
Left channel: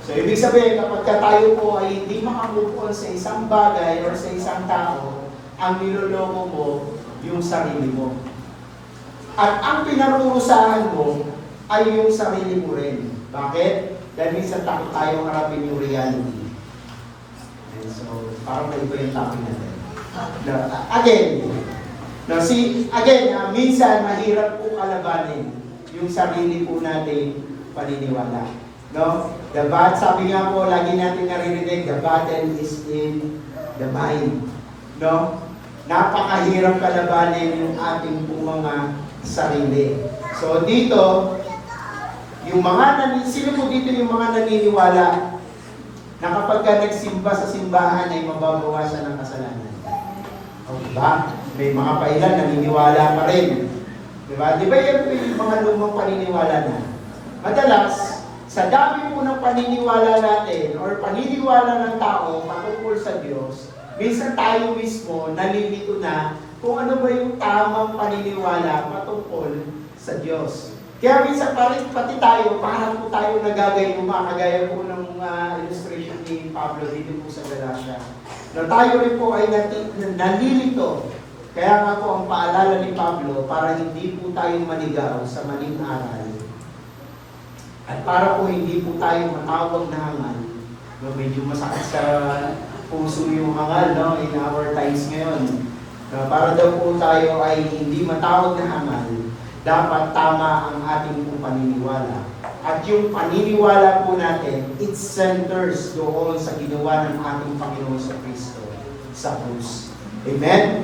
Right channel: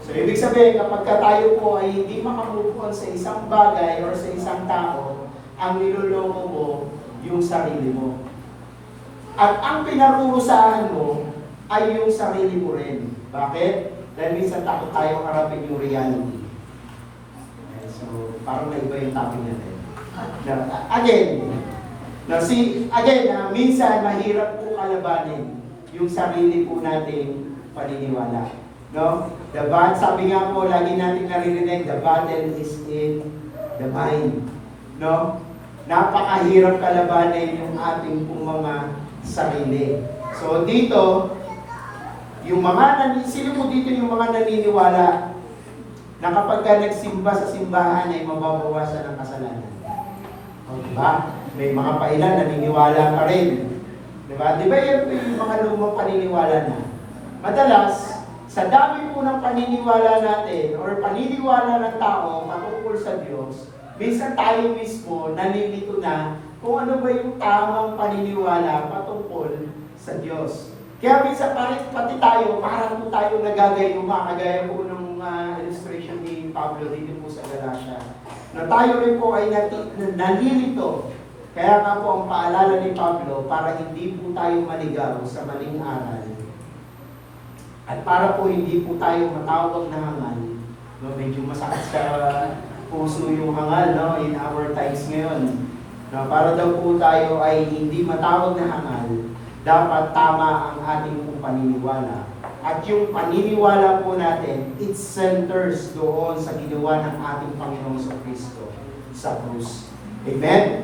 So, ibig sabihin, kapag tayo po ay hindi makamove on sa isang bagay or sa isang tao, ang niloloko mo yung sarili mo. At ang pinarurusahan mo ay yung sarili mo rin. Bakit? Dahil minsan takot tayong harapin yung reality. And so, parang naiba yung topic natin. Minsan mahirap po kalabanin yung sarili po nating paniniwala. No? Sabi nga po, lagi natin naririnig, the battle is in the mind. No? Napakahirap kalabanin yung ating pong mga sarili. So dito, sino po dito yung mga naniniwala na kapag ka nagsimba sa simbahan ay mababawasan ng kasalanan? O diba? May mga pailan naniniwala pa rin. Diba? Diba yan po yung mga lumang paniniwala na? Madalas, sa dami po ng paniniwala natin or paniniwala ng tao patungkol sa Diyos, minsan tayo mismo nalilito na kung ano ba yung tamang paniniwala patungkol sa Diyos. Kaya minsan pati tayo, parang po tayo nagagayuma, kagaya po ng illustration ni Pablo dito po sa Galasya. Na tayo rin po ay nalilito. Kaya nga po ang paalala ni Pablo, para hindi po tayo maligaw sa maling aral. At para po hindi po tayo matawag na hangal. No, medyo masakit sa puso yung hangal, no, in our times ngayon. No, para daw po tayo ay hindi matawag na hangal, dapat tama ang ating pong paniniwala. At yung paniniwala po natin, it centers doon sa ginawa ng ating Panginoon sa Kristo sa krus. Amen?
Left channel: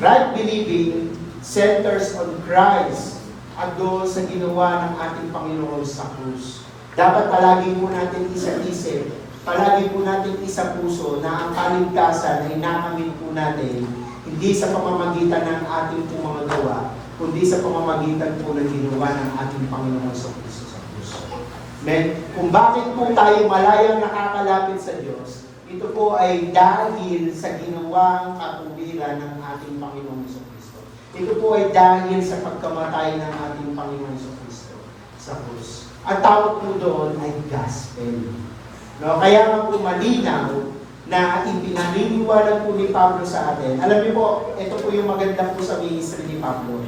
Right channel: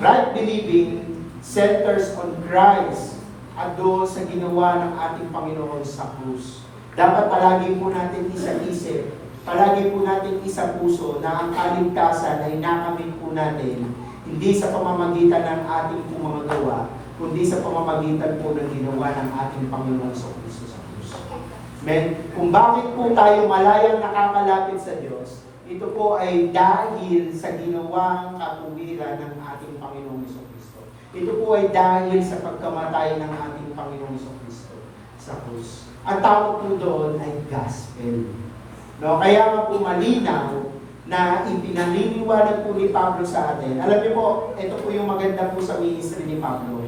Right believing centers on Christ at doon sa ginawa ng ating Panginoon sa krus. Dapat palagi po natin isa-isip, palagi po natin isa puso na ang kaligtasan ay nakamit po natin hindi sa pamamagitan ng ating po mga gawa, kundi sa pamamagitan po ng ginawa ng ating Panginoon sa Kristo sa krus. Men, kung bakit po tayo malayang nakakalapit sa Diyos, ito po ay dahil sa ginawang katuwiran ng ating Panginoong Kristo. Ito po ay dahil sa pagkamatay ng ating Panginoong Kristo sa krus. Ang tawag po doon ay gospel. No? Kaya nga po malinaw na ipinaniniwalag po ni Pablo sa atin. Alam niyo po, ito po yung maganda po sa ministry ni Pablo.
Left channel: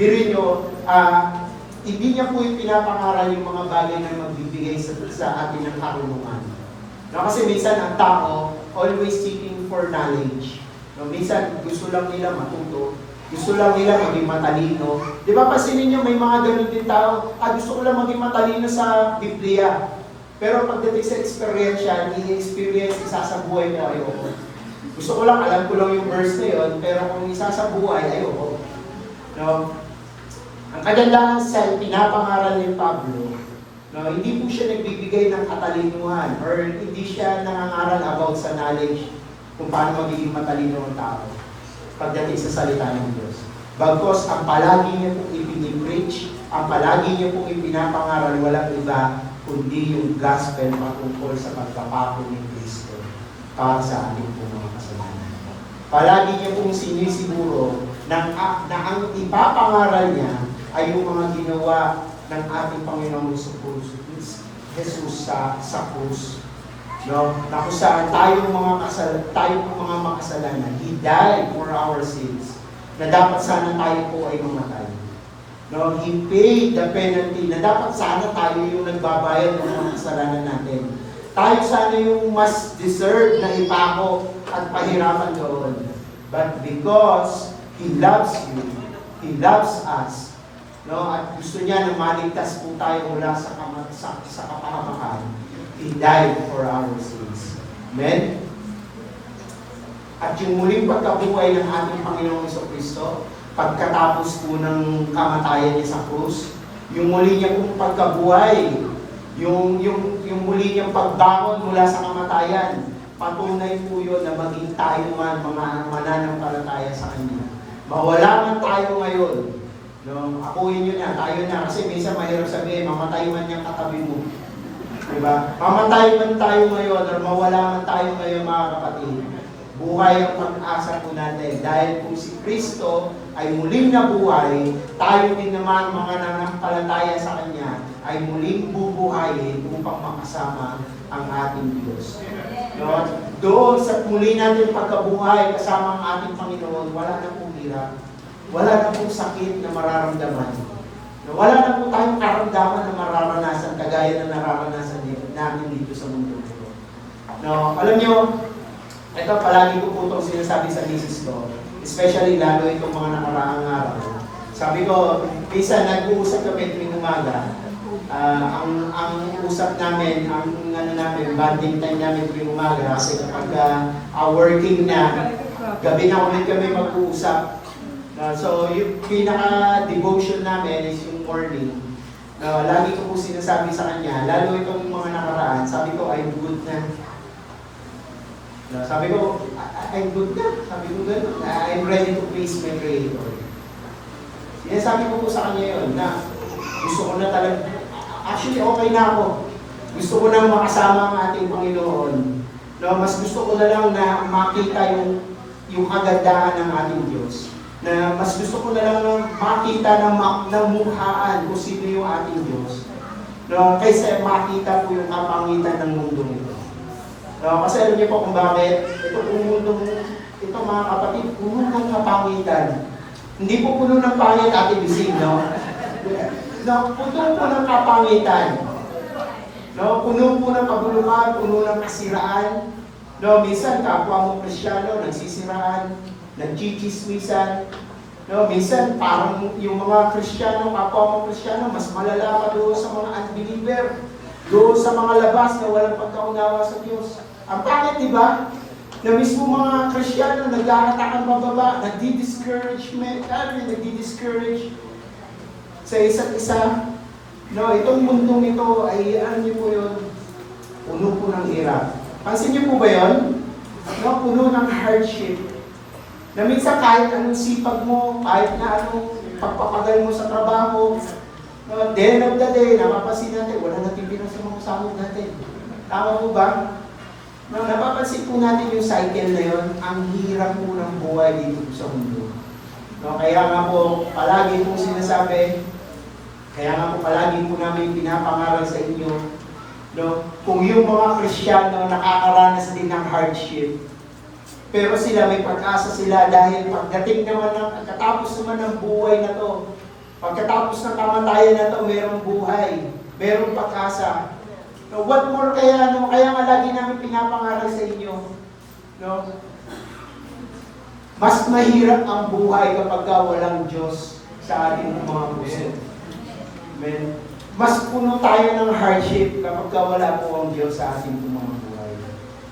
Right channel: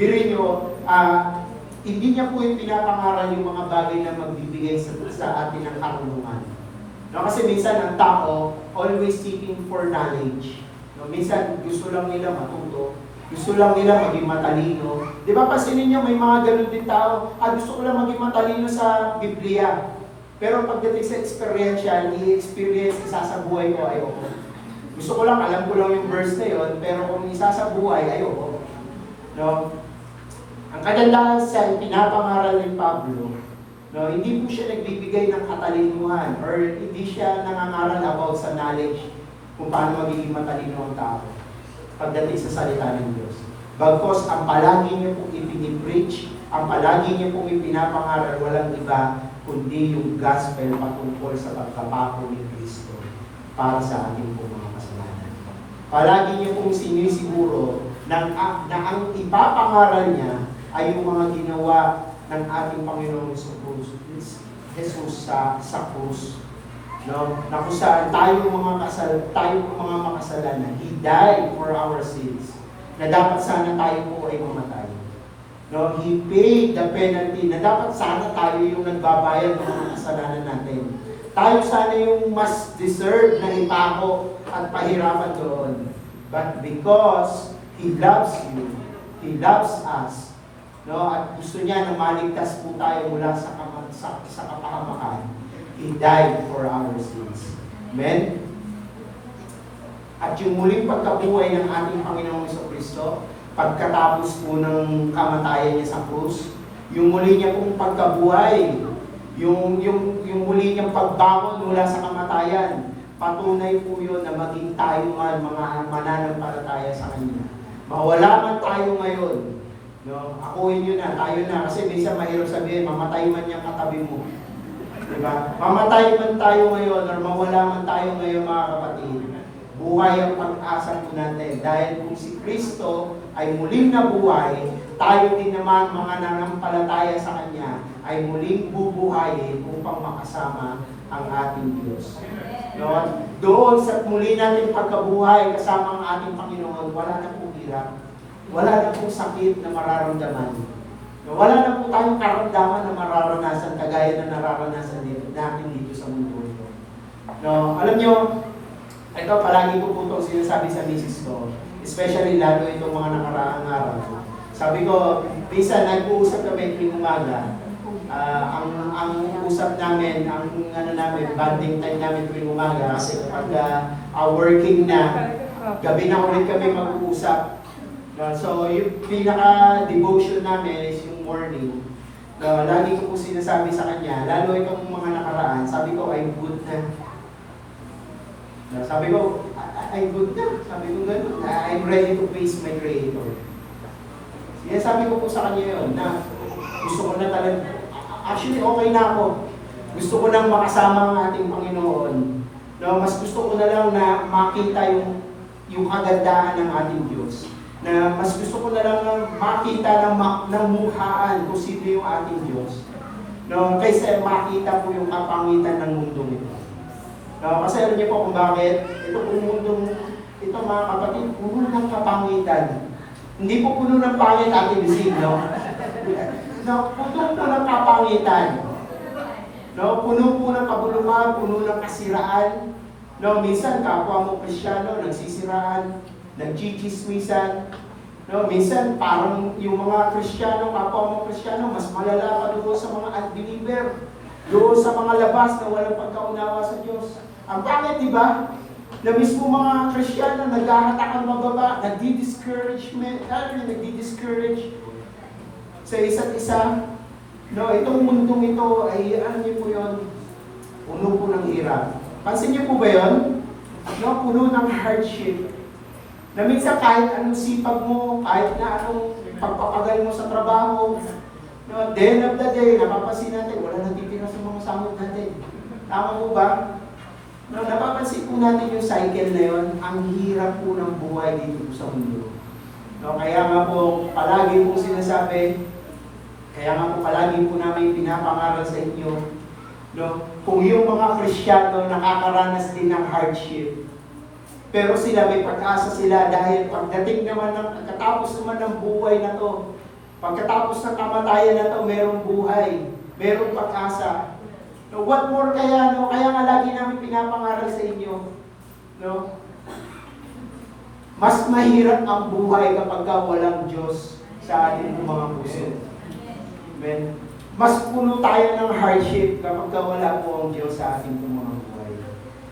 Biruin niyo, hindi niya po yung pinapangaral yung mga bagay na magbibigay sa atin ng karunungan. No, kasi minsan ang tao always seeking for knowledge. No, minsan gusto lang nila matuto, gusto lang nila maging matalino. Di ba pansinin niyo may mga ganun din tao, gusto ko lang maging matalino sa Biblia. Pero pagdating sa experiential, i-experience isa sa buhay ko, ayoko. Gusto ko lang, alam ko lang yung verse na yun, pero kung isa sa buhay, ayoko. No? Ang kagandahan sa pinapangaral ni Pablo, no, hindi po siya nagbibigay ng katalinuhan or hindi siya nangangaral about sa knowledge kung paano magiging matalino ang tao pagdating sa salita ng Diyos. Bagkos, ang palagi niya pong ipinipreach, ang palagi niya pong ipinapangaral, walang iba, kundi yung gospel patungkol sa pagkapako ni Kristo para sa ating pong mga kasalanan. Palagi niya pong sinisiguro na ang ipapangaral niya ay yung mga ginawa ng ating Panginoong Jesus sa krus. No? Na kung saan tayo mga makasalanan, He died for our sins. Na dapat sana tayo po ay mamatay. No? He paid the penalty. Na dapat sana tayo yung nagbabayad ng mga kasalanan natin. Tayo sana yung mas deserve na ipako at pahirapan doon. But because He loves you, He loves us, no, at gusto niya na maligtas po tayo mula sa kapahamakan, He died for our sins. Amen? At yung muling pagkabuhay ng ating Panginoong Kristo, pagkatapos po ng kamatayan niya sa krus, yung muli niya pong pagkabuhay, yung muli niyang pagbangon mula sa kamatayan, patunay po yun na maging tayo man mga mananampalataya sa Kanya. Mawala man tayo ngayon, no, akuin nyo na, tayo na, kasi minsan mahirap sabihin, mamatay man yung katabi mo. Diba? Mamatay man tayo ngayon, or mawala man tayo ngayon mga kapatid, buhay ang pag-asa po natin. Dahil kung si Kristo ay muling nabuhay, tayo din naman mga nanampalataya sa Kanya, ay muling bubuhayin upang makasama ang ating Diyos. No? Doon sa muli natin pagkabuhay kasama ang ating Panginoon, wala na pong hirap. Wala na pong sakit na mararamdaman. No, wala na po tayong karamdaman na mararanasan kagaya na nararanasan natin dito sa mundo ito. No, alam nyo, ito palagi ko po itong sinasabi sa misis ko, especially lalo itong mga nakaraang araw. Sabi ko, minsan nag-uusap kami tuwing umaga. Ang usap namin, ang bonding time namin tuwing umaga kasi kapag working na, gabi na ulit kami mag-uusap. So, yung pinaka-devotion namin is yung morning. Lagi ko po sinasabi sa kanya, lalo itong mga nakaraan, sabi ko, I'm good na. Sabi ko, I'm good na. Sabi ko gano'n, I'm ready to face my Creator. Sabi ko po sa kanya yun, na gusto ko na talaga, actually okay na ako. Gusto ko lang makasama ang ating Panginoon. Mas gusto ko na lang na makita yung kagandahan ng ating Diyos. Na mas gusto ko na lang makita ng mukhaan kung sino yung ating Diyos. Kaysa makita po yung kapangitan ng mundo nito. Kasi alam niyo po kung bakit, ito pong mundo, ito mga kapatid, puno ng kapangitan. Hindi po puno ng pangit ating bisig, no? Puno po ng kapangitan. Puno po ng kabulukan, puno ng kasiraan. Minsan kapwa mo Kristiyano, nagsisiraan, nagchichismisan. Minsan parang yung mga Kristiyano, kapwa mo Kristiyano, mas malala pa doon sa mga unbeliever, doon sa mga labas na walang pagkaunawa sa Diyos. Ang pangit, di ba? Na mismo mga Kristiyano, nag-aatakan mababa, nagdi-discourage. sa isa't isa. No, itong mundong ito ay, ano niyo po yun, puno po ng hirap. Pansin niyo po ba yun? No, puno ng hardship. Na minsan kahit anong sipag mo, kahit na anong pagpapagal mo sa trabaho, no, at the end of the day, napapansin natin, wala nang titira sa mga sahod natin. Tama po ba? No, napapansin po natin yung cycle na yun, ang hirap po ng buhay dito sa mundo. No, kaya nga po, palagi po sinasabi, kaya nga po palagi po namin pinapangaral sa inyo, no, kung yung mga Kristiyano nakakaranas din ng hardship, pero sila may pag-asa sila dahil pagdating naman ng pagkatapos naman ng buhay na to, pagkatapos ng kamatayan na to, merong buhay, merong pag-asa. No, what more kaya, no? Kaya nga lagi namin pinapangaral sa inyo, no? Mas mahirap ang buhay kapag walang Diyos sa ating mga puso. Amen. Mas puno tayo ng hardship kapag wala po ang Diyos sa ating mga buhay.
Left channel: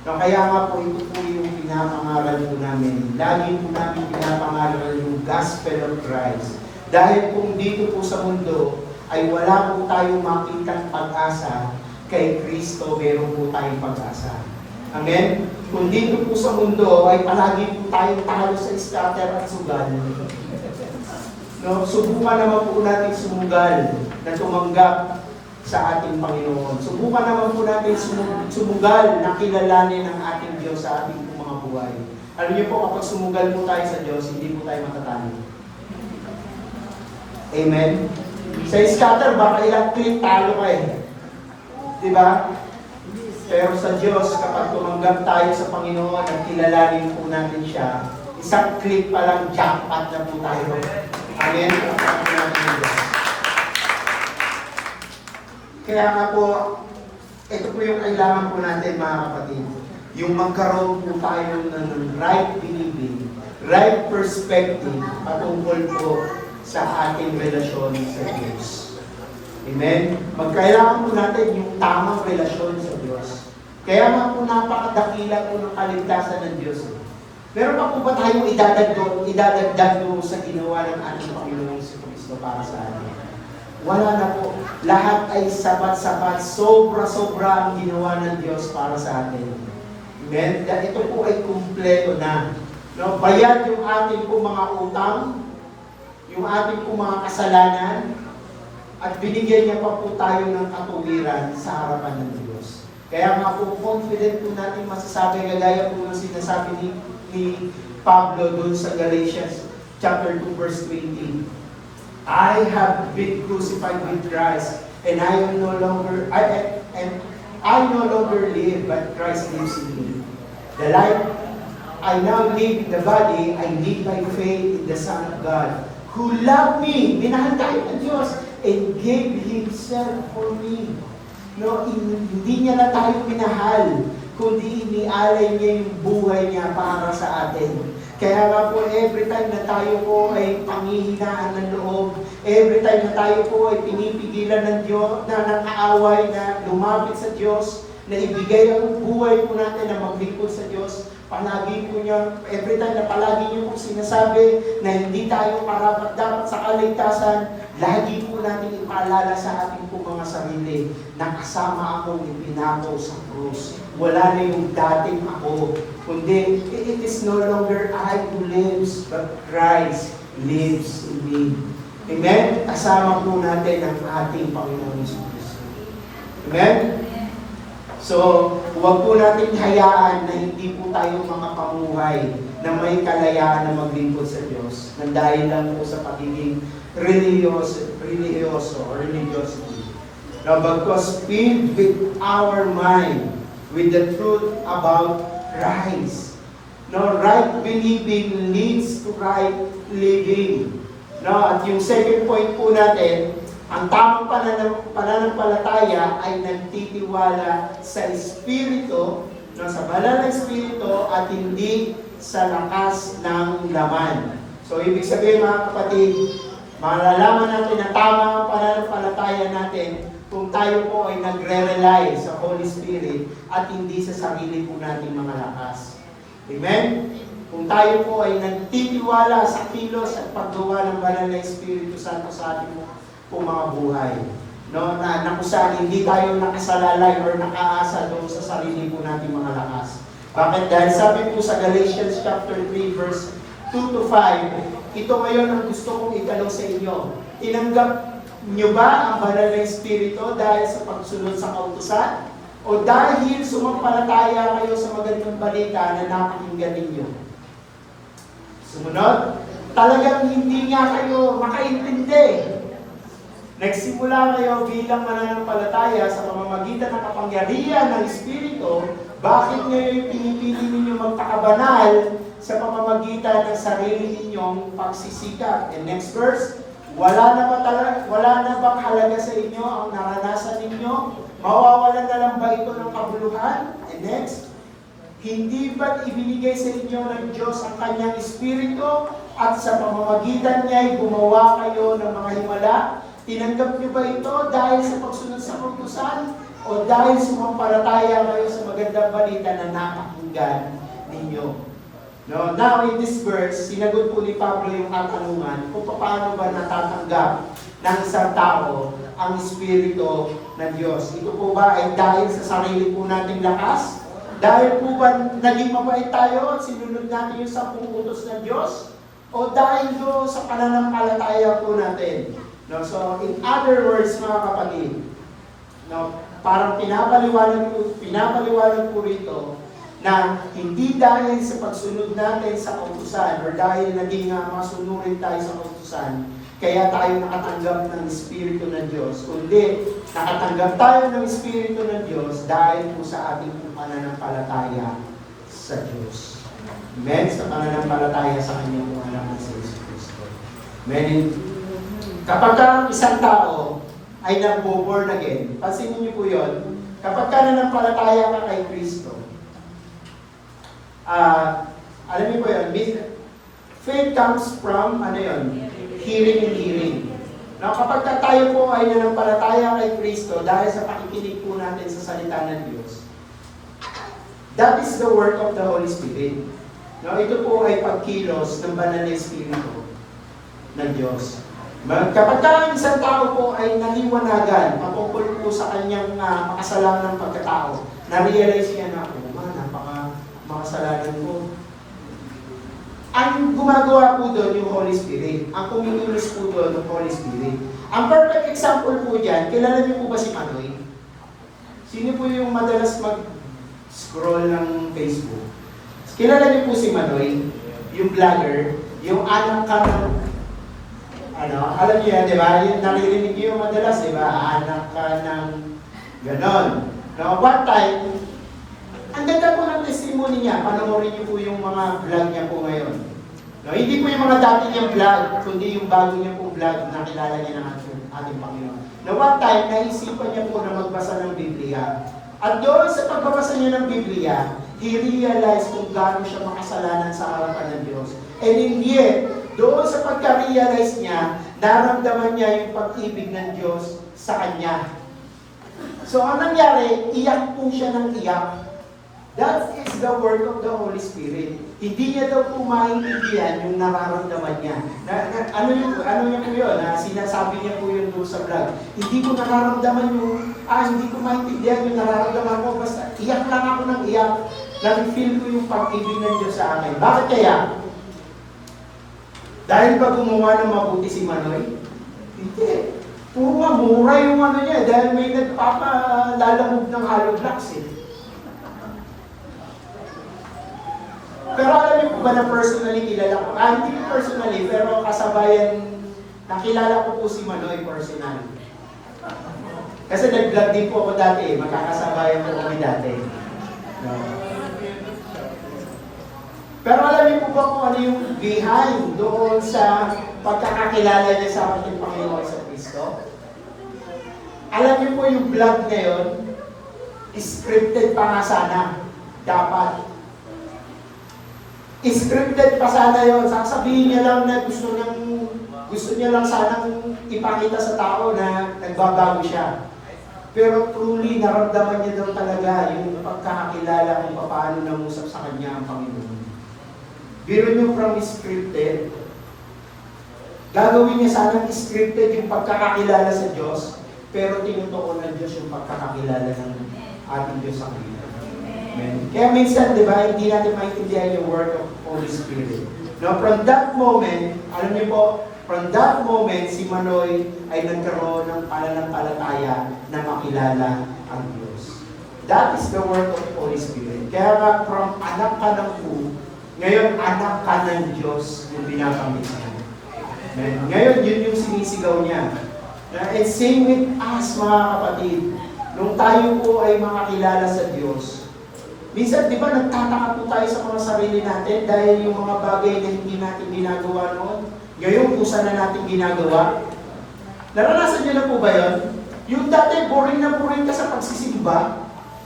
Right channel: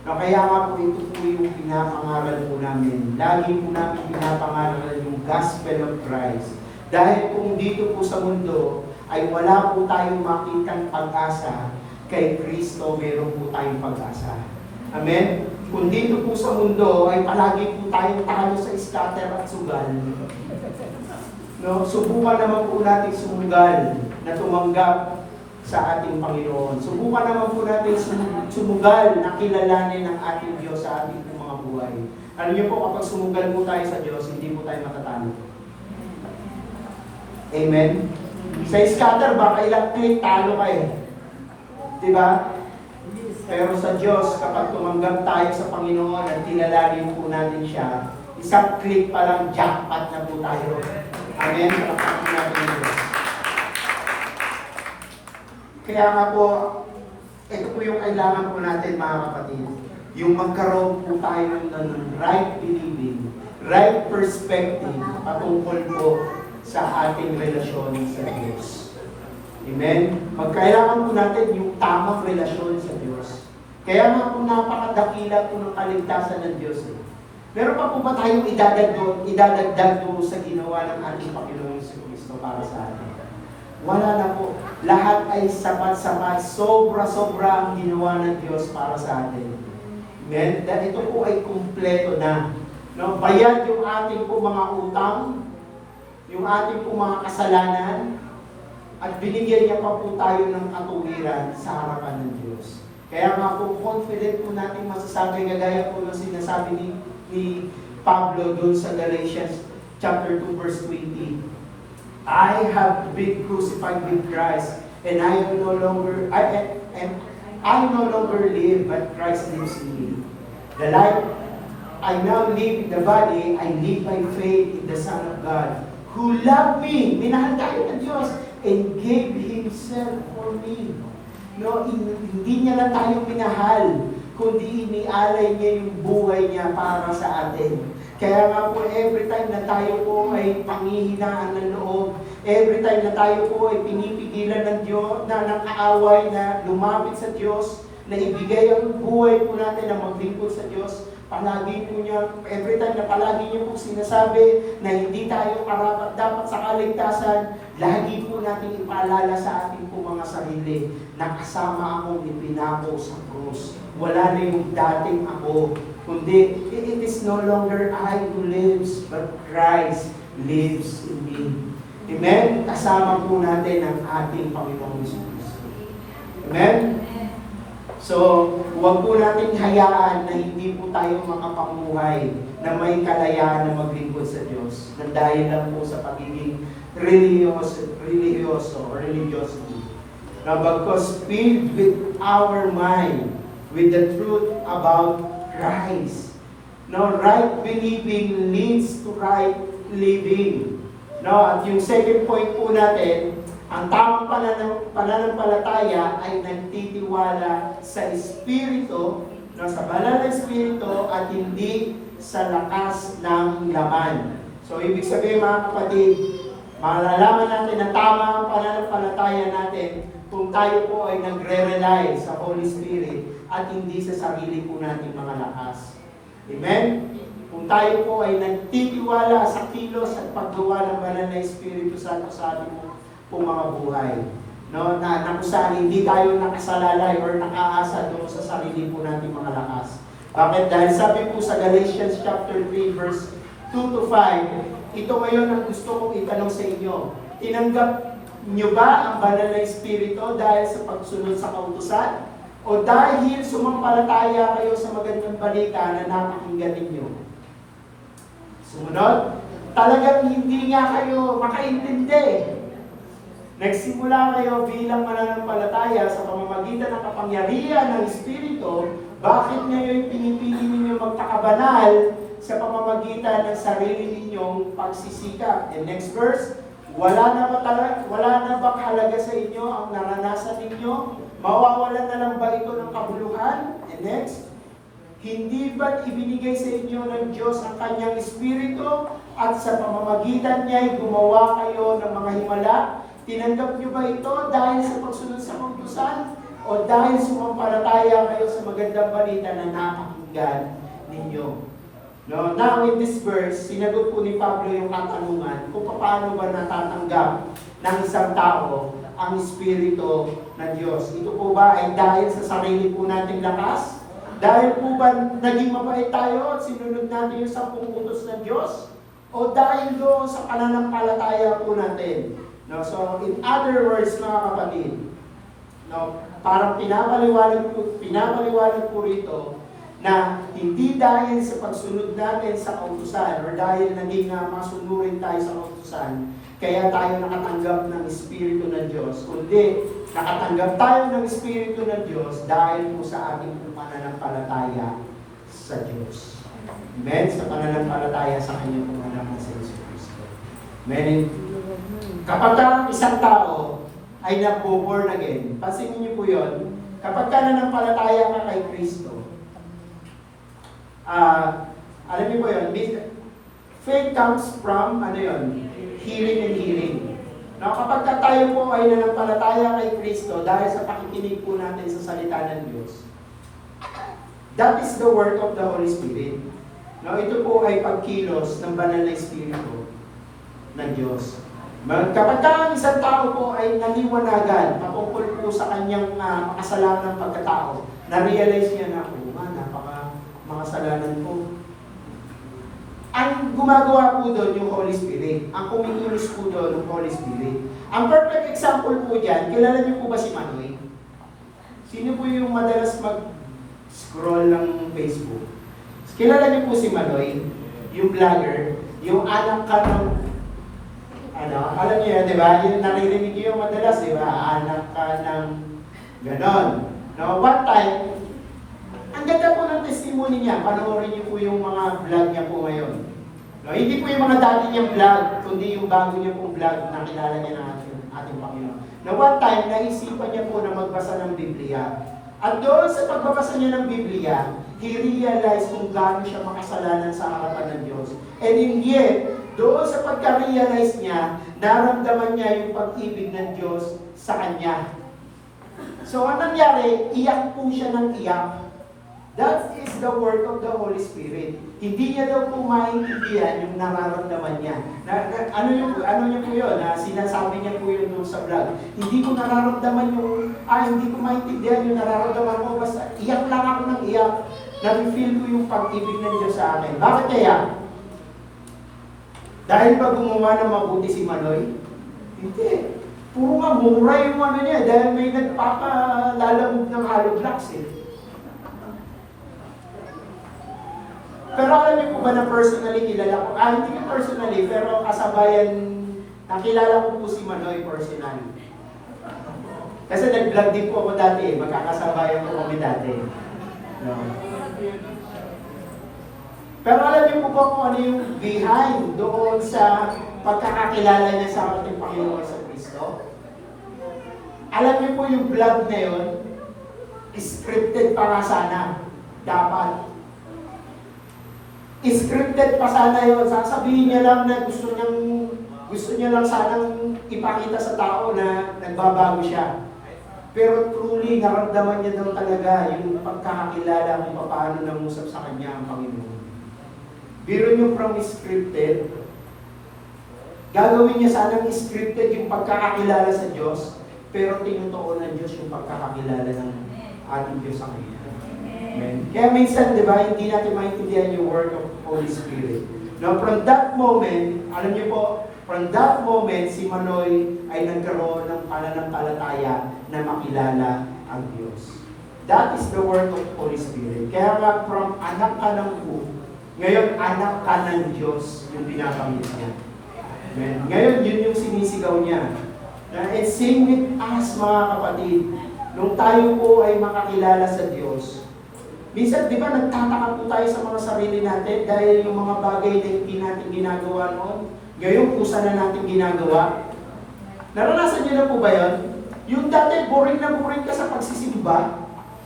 No, kaya nga po ito po yung pinapangaral po namin. Lagi po namin pinapangaral yung Gospel of Christ. Dahil kung dito po sa mundo ay wala po tayong makitang pag-asa, kay Kristo meron po tayong pag-asa. Amen? Kung dito po sa mundo ay palagi po tayong talo sa scatter at sugal. No, subukan naman po natin sumugal na tumanggap sa ating Panginoon. Subukan naman po natin sumugal na kilalanin ng ating Diyos sa ating mga buhay. Alam niyo po, kapag sumugal po tayo sa Diyos, hindi po tayo matatalo. Amen? Sa scatter, baka ilang click, talo ka eh. Diba? Pero sa Diyos, kapag tumanggap tayo sa Panginoon at kilalanin po natin siya, isang click pa lang, jackpot na po tayo. Amen? Palakpakan natin ang Diyos. Kaya nga po, ito po yung kailangan po natin, mga kapatid. Yung magkaroon po tayo ng right believing, right perspective patungkol po sa ating relasyon sa Diyos. Amen? Magkailangan po natin yung tamang relasyon sa Diyos. Kaya nga po napakadakila po ng kaligtasan ng Diyos. Meron pa po ba tayong idadagdag doon sa ginawa ng ating Panginoon si Kristo para sa atin? Wala na po. Lahat ay sapat-sapat. Sobra-sobra ang ginawa ng Diyos para sa atin. Amen? Dahil ito po ay kumpleto na. No? Bayad yung ating po mga utang, yung ating po mga kasalanan, at binigyan niya pa po tayo ng katuwiran sa harapan ng Diyos. Kaya nga po, confident po natin masasabi, gagaya po ng sinasabi ni Pablo doon sa Galatians chapter 2 verse 20. I have been crucified with Christ, and I no longer live, but Christ lives in me. The life I now live in the body, I live by faith in the Son of God, who loved me, minahal tayo ng Diyos, and gave Himself for me. No, hindi niya lang tayo pinahal, kundi inialay niya yung buhay niya para sa atin. Kaya nga po, every time na tayo po ay panghihinaan ng loob, every time na tayo po ay pinipigilan ng Diyos, na nakaaway, na lumapit sa Diyos, na ibigay ang buhay po natin na maglingkod sa Diyos, palagi po niya, every time na palagi niyo po sinasabi na hindi tayo karapat dapat sa kaligtasan, lagi po natin ipaalala sa ating po mga sarili na kasama akong ipinako sa krus. Wala na yung dating ako, kundi it is no longer I who lives, but Christ lives in me. Amen? Kasama po natin ang ating Panginoon Jesus. Amen? So, huwag po natin hayaan na hindi po tayo makapamuhay na may kalayaan na maglingkod sa Diyos na dahil lang po sa pagiging religyoso or religiosity. Now, because filled with our mind with the truth about Christ. No, right believing leads to right living. No, at yung second point po natin, ang tamang pananampalataya ay nagtitiwala sa Espiritu, no, sa banal na Espiritu at hindi sa lakas ng laman. So, ibig sabihin mga kapatid, malalaman natin na tama ang pananampalataya natin kung tayo po ay nagre-rely sa Holy Spirit at hindi sa sarili po nating mga lakas. Amen? Kung tayo po ay nagtitiwala sa kilos at paggawa ng banal na Espiritu Santo sa ating pong mga buhay. No, na kung saan hindi tayo nakasalalay or nakaasa doon sa sarili po nating mga lakas. Bakit? Dahil sabi po sa Galatians chapter 3 verse 2 to 5, ito ngayon ang gusto kong itanong sa inyo. Tinanggap nyo ba ang banal na Espiritu dahil sa pagsunod sa kautusan? O dahil sumampalataya kayo sa magandang balita na napakinggan ninyo? Sumunod, talagang hindi nga kayo makaintindi. Nagsimula kayo bilang mananampalataya sa pamamagitan ng kapangyarihan ng Espiritu, bakit ngayon pinipili ninyo magtakabanal sa pamamagitan ng sarili ninyong pagsisikap? And next verse, wala na bang halaga sa inyo ang naranasan ninyo? Mawawalan na lang ba ito ng kabuluhan? And next, hindi ba't ibinigay sa inyo ng Diyos ang kanyang Espiritu at sa pamamagitan niya ay gumawa kayo ng mga himala? Tinanggap niyo ba ito dahil sa pagsunod sa kautusan? O dahil sumampalataya kayo sa magandang balita na napakinggan ninyo? No, now in this verse, sinagot po ni Pablo yung katanungan kung paano ba natatanggap ng isang tao ang Espiritu ng Diyos. Ito po ba ay dahil sa sarili po nating lakas? Dahil po ba naging mabait tayo at sinunod natin yung 10 utos ng Diyos? O dahil doon sa pananampalataya po natin? No, so in other words, mga kapatid, no, parang pinapaliwanag po rito na hindi dahil sa pagsunod natin sa kautusan or dahil naging masunurin tayo sa kautusan, kaya tayo nakatanggap ng Espiritu ng Diyos, kundi nakatanggap tayo ng Espiritu ng Diyos dahil po sa ating pananampalataya sa Diyos. Amen? Sa pananampalataya sa Kanyang anak na si Jesus Cristo. Amen? Kapag ang isang tao ay nag-born again, pansinin niyo po yun, kapag ka nanampalataya ka kay Kristo, alam niyo po yun, faith comes from, hearing and hearing. Now, kapag tayo po ay nanampalataya kay Kristo dahil sa pakikinig po natin sa salita ng Diyos, that is the work of the Holy Spirit. Now, ito po ay pagkilos ng banal na Espiritu ng Diyos. Kapag ang isang tao po ay naliwanagan patungkol po sa kanyang makasalanang pagkatao, na-realize niya na, makasalanan ko. Ang gumagawa po doon yung Holy Spirit. Ang kumikilos po doon yung Holy Spirit. Ang perfect example po dyan, kilala niyo po ba si Manoy? Sino po yung madalas mag-scroll ng Facebook? Kilala niyo po si Manoy, yung vlogger, yung anak ka ng alam niyo yan, di ba? Yung naririnig niyo madalas, di ba? Anak ka ng ganon. No, one time, ang ganda po ng testimony niya. Panoorin niyo po yung mga vlog niya po ngayon. No, hindi po yung mga dati niyang vlog, kundi yung bago niya pong vlog na kilala niya ng ating Panginoon. Na one time, naisipan niya po na magbasa ng Biblia. At doon sa pagbabasa niya ng Biblia, he realized kung gaano siya makasalanan sa harapan ng Diyos. And in yet, doon sa pagka-realize niya, naramdaman niya yung pag-ibig ng Diyos sa kanya. So, ang nangyari, iyak po siya ng iyak. That is the work of the Holy Spirit. Hindi niya daw po maintindihan yung nararamdaman niya. Ano niya po yun? Sinasabi niya po yun doon sa vlog. Hindi ko nararamdaman yung, hindi ko maintindihan yung nararamdaman ko. Basta iyak lang ako ng iyak. Nag-feel ko yung pag-ibig ng Diyos sa akin. Bakit kaya? Dahil ba gumawa ng mabuti si Manoy? Hindi. Puro nga mura yung niya. Dahil may nagpapalalamog ng hollow blocks eh. Pero alam niyo po ba na personally kilala ko? Hindi personally, pero kasabayan, nakilala ko po si Manoy personally. Kasi nag-vlog din po ako dati eh. Magkakasabayan po kami dati. No. Pero alam niyo po ba kung ano yung behind doon sa pagkakakilala niya sa ating Panginoon sa Kristo? Alam niyo po yung vlog na yun, scripted pa nga sana. Dapat. Scripted pa sana yun. Sasabihin niya lang na gusto niya lang sanang ipakita sa tao na nagbabago siya. Pero truly, naramdaman niya daw talaga yung pagkakakilala kung paano nangusap sa kanya ang Panginoon. Biro nyo from scripted, Gagawin niya sanang scripted yung pagkakakilala sa Diyos, pero tinutuon ng Diyos yung pagkakakilala ng ating Diyos sa Kanya. Amen. Kaya minsan, di ba, hindi natin maintindihan yung work of Holy Spirit. Now, from that moment, alam niyo po, from that moment, si Manoy ay nagkaroon ng pananampalataya na makilala ang Diyos. That is the work of Holy Spirit. Kaya nga, from anak ka ng po, ngayon anak ka ng Diyos yung binabanggit niya. Amen. Ngayon, yun yung sinisigaw niya. And same with us, mga kapatid. Nung tayo po ay makakilala sa Diyos, minsan, di ba, nagtataka po tayo sa mga sarili natin dahil yung mga bagay na hindi natin ginagawa noon, ngayon, kusa na natin ginagawa. Naranasan niyo na po ba yun? Yung dati, boring na boring ka sa pagsisimba.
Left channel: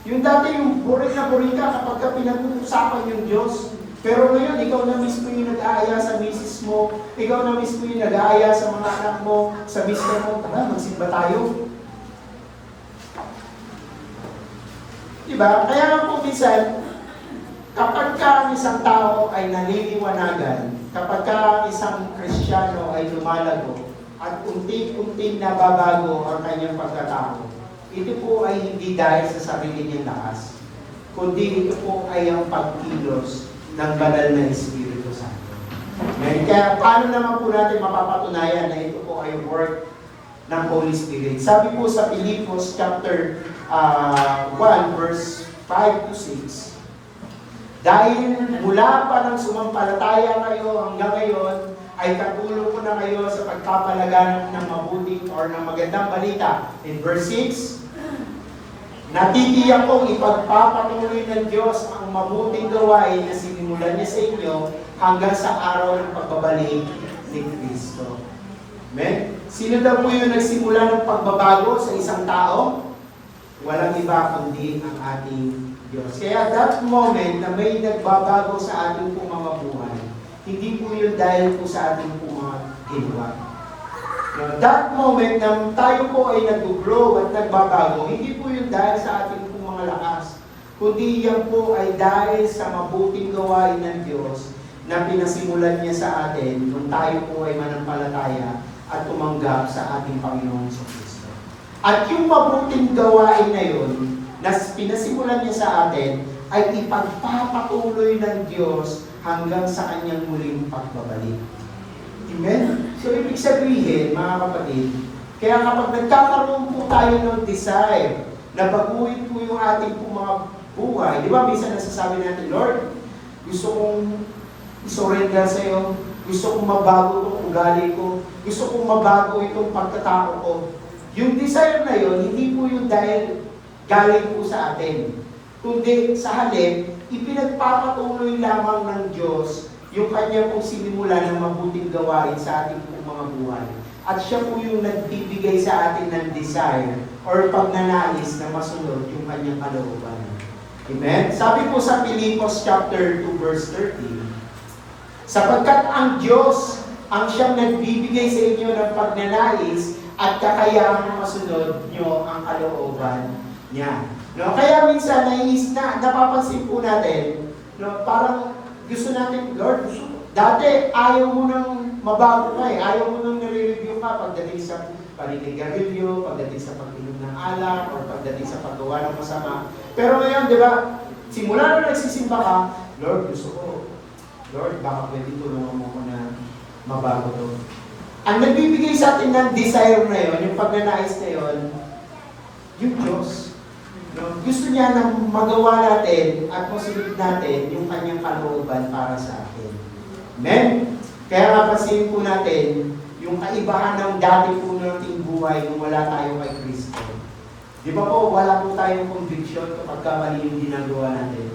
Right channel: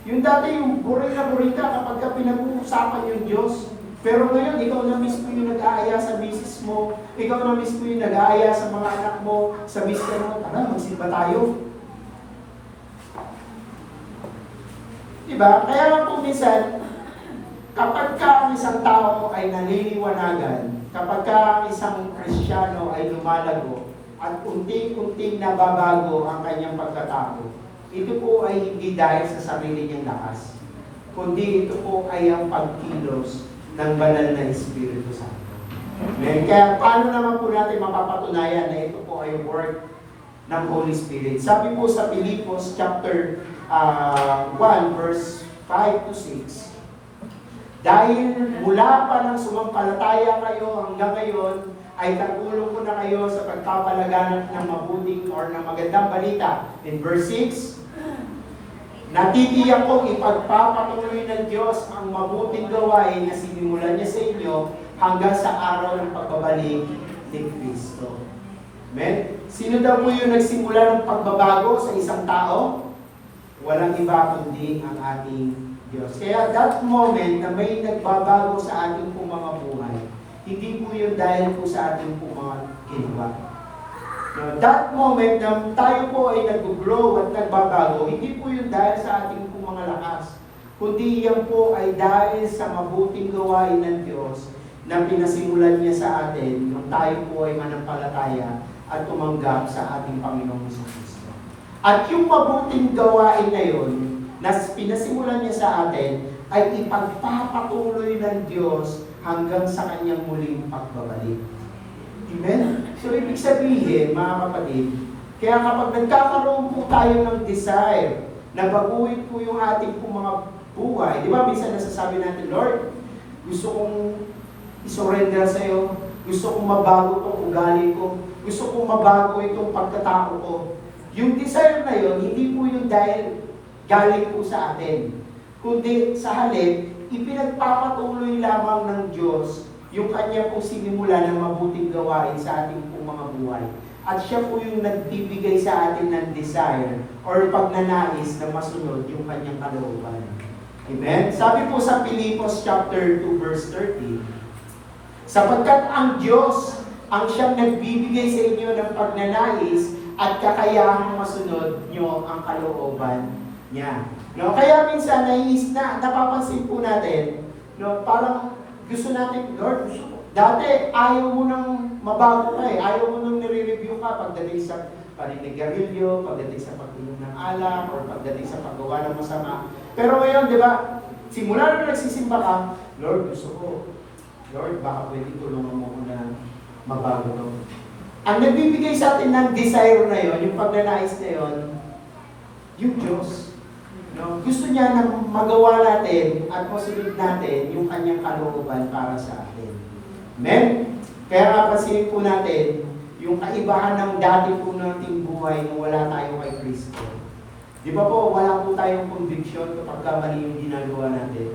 Yung dati, yung boring na boring ka kapag ka pinag-uusapan yung Diyos. Pero ngayon, ikaw na mismo yung nag-aaya sa misis mo, ikaw na mismo yung nag-aaya sa mga anak mo, sa mister mo, tara, magsimba tayo. Diba? Kaya nga po minsan, kapag ka isang tao ay naliliwanagan, kapag ka isang Kristiyano ay lumalago, at unti-unting nababago ang kanyang pagkatao, ito po ay hindi dahil sa sarili niyang lakas, kundi ito po ay ang pagkilos ng banal na Espiritu Santo. Kaya paano naman po natin mapapatunayan na ito po ay work ng Holy Spirit? Sabi po sa Filipos chapter 1 verse 5 to 6, dahil mula pa ng sumampalataya kayo hanggang ngayon, ay katulong ko na kayo sa pagpapalaganap ng mabuting or ng magandang balita. In verse 6, natitiyak kong ipagpapatuloy ng Diyos ang mabuting gawain na sinimulan niya sa inyo hanggang sa araw ng pagbabalik ni Kristo. Amen? Sino daw po yung nagsimula ng pagbabago sa isang tao? Walang iba kundi ang ating Diyos. Kaya that moment na may nagbabago sa ating pong mga buhay, hindi po yun dahil po sa ating pong mga ginawa. That moment na tayo po ay nag-grow at nagbabago, hindi po yun dahil sa ating pong mga lakas, kundi yan po ay dahil sa mabuting gawain ng Diyos na pinasimulan niya sa atin nung tayo po ay manampalataya at tumanggap sa ating Panginoong Kristo. At yung mabuting gawain na yun, na pinasimulan niya sa atin, ay ipagpapatuloy ng Diyos hanggang sa kanyang muling pagbabalik. Amen? So, ibig sabihin, mga kapatid, kaya kapag nagkakaroon po tayo ng desire na baguhin po yung ating po mga buhay, di ba, minsan nasasabi natin, Lord, gusto kong isurrender sa'yo, gusto kong mabago itong ugali ko, gusto kong mabago itong pagkatao ko. Yung desire na yon, hindi po yung dahil galing po sa atin, kundi sa halip, ipinagpapatuloy lamang ng Diyos yung kanya pong sinimula ng mabuting gawain sa ating pong mga buhay. At siya po yung nagbibigay sa atin ng desire or pagnanais na masunod yung kanyang kalooban. Amen? Sabi po sa Filipos chapter 2 verse 30, sapagkat ang Diyos ang siyang nagbibigay sa inyo ng pagnanais at kakayahang masunod nyo ang kalooban niya. No, kaya minsan napapansin po natin, no, parang gusto natin, Lord, dati ayaw mo nang mabago ka eh. Ayaw mo nang nire-review ka pagdating sa paninigarilyo, pagdating sa pag-inom ng alak, or pagdating sa paggawa ng masama. Pero ngayon, di ba, simula na nagsisimba ka, Lord, gusto ko, Lord, baka pwede tulungan mo ko na mabago to. Ang nagbibigay sa atin ng desire na yon, yung pagnanais na yon, yung Diyos. No? Gusto niya na magawa natin at masunod natin yung kanyang kalooban para sa atin. Amen? Kaya nga pansinin po natin yung kaibahan ng dati po nating buhay nung wala tayo kay Kristo. Di ba po, wala po tayong conviction kapag mali yung ginagawa natin.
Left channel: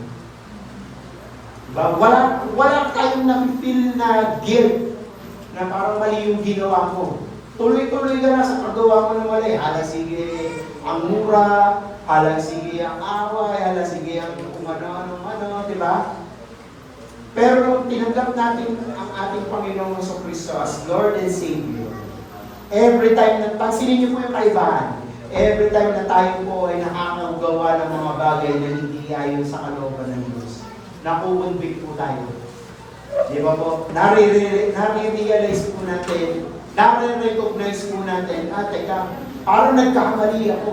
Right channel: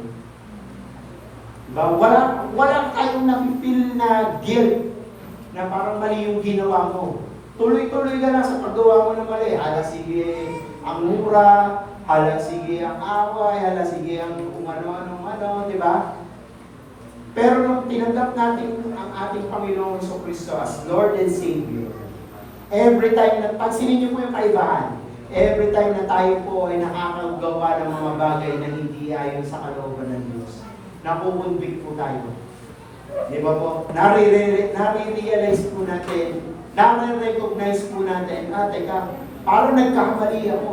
Diba? Wala tayong na-feel na guilt na parang mali yung ginawa mo. Tuloy-tuloy ka na sa paggawa mo ng mali. Hala, sige, ang mura, hala, sige, ang away, hala, sige, ang kung ano, di ba? Pero nung tinanggap natin ang ating Panginoong Kristo as Lord and Savior, every time na, pansinin niyo po yung kaibahan, every time na tayo po ay nakakagawa ng mga bagay na hindi ayon sa kalooban ng Diyos, nakukonvict po tayo. Di ba po? Nare-realize po natin nare-recognize po natin, teka, parang nagkamali ako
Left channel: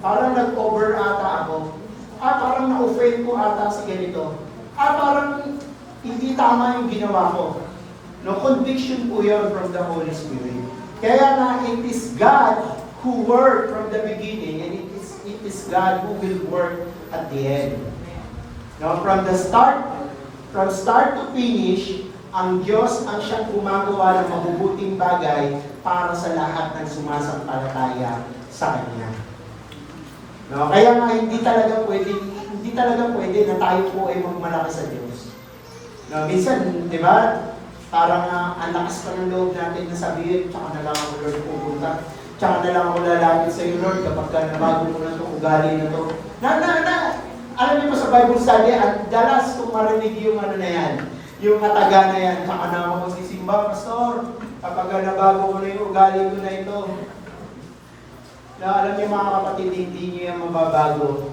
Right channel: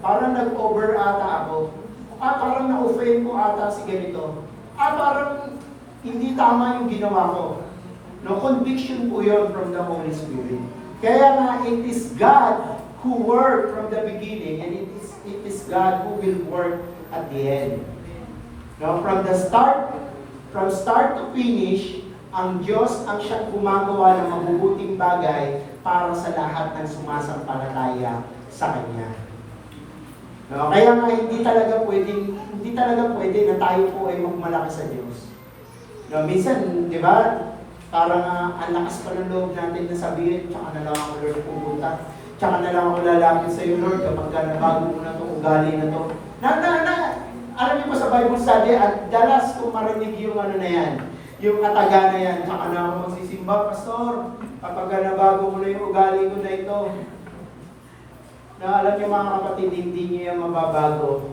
parang nag-over ata ako, parang na-offend ko ata si ganito, parang hindi tama yung ginawa ko. No, conviction po yun from the Holy Spirit. Kaya na, it is God who worked from the beginning, and it is God who will work at the end. No, from start to finish, ang Diyos ang siyang gumagawa ng mabubuting bagay para sa lahat ng sumasampalataya sa Kanya. No, kaya nga hindi talaga pwede na tayo po ay magmalaki sa Diyos. No, minsan, di ba, parang ang lakas pa ng loob natin na sabihin, tsaka na lang ako Lord pupunta, tsaka na lang ako lalapit sa iyo Lord kapag nabago mo na itong ugali na ito. Alam niyo po sa Bible study, at dalas kung marinig yung ano na yan, yung kataga na yan, tsaka na ako magsisimba, Pastor, kapag nabago ko na yung ugali ko na ito. Na alam niyo mga kapatid, hindi niyo yan mababago.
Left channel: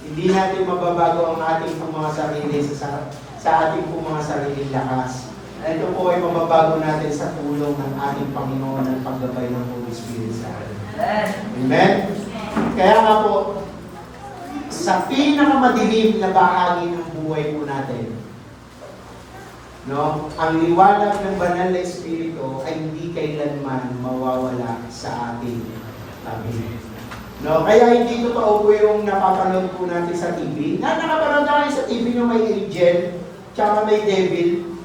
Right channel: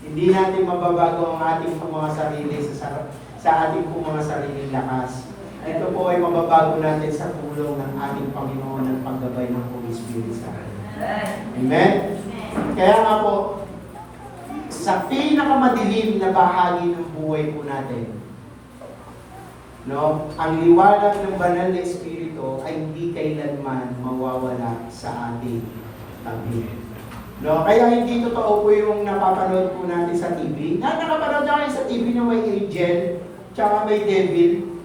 Hindi natin mababago ang ating pong mga sarili sa ating pong mga sariling lakas. Ito po ay mababago natin sa tulong ng ating Panginoon ng paggabay ng Holy Spirit sa atin. Amen? Kaya nga po, sa pinakamadilim na bahagi ng buhay po natin, no, ang liwanag ng banal na Espiritu ay hindi kailanman mawawala sa ating tabi. No, kaya hindi totoo po yung napapanood po natin sa TV. Nakapanood na kayo sa TV na may angel, tsaka may devil.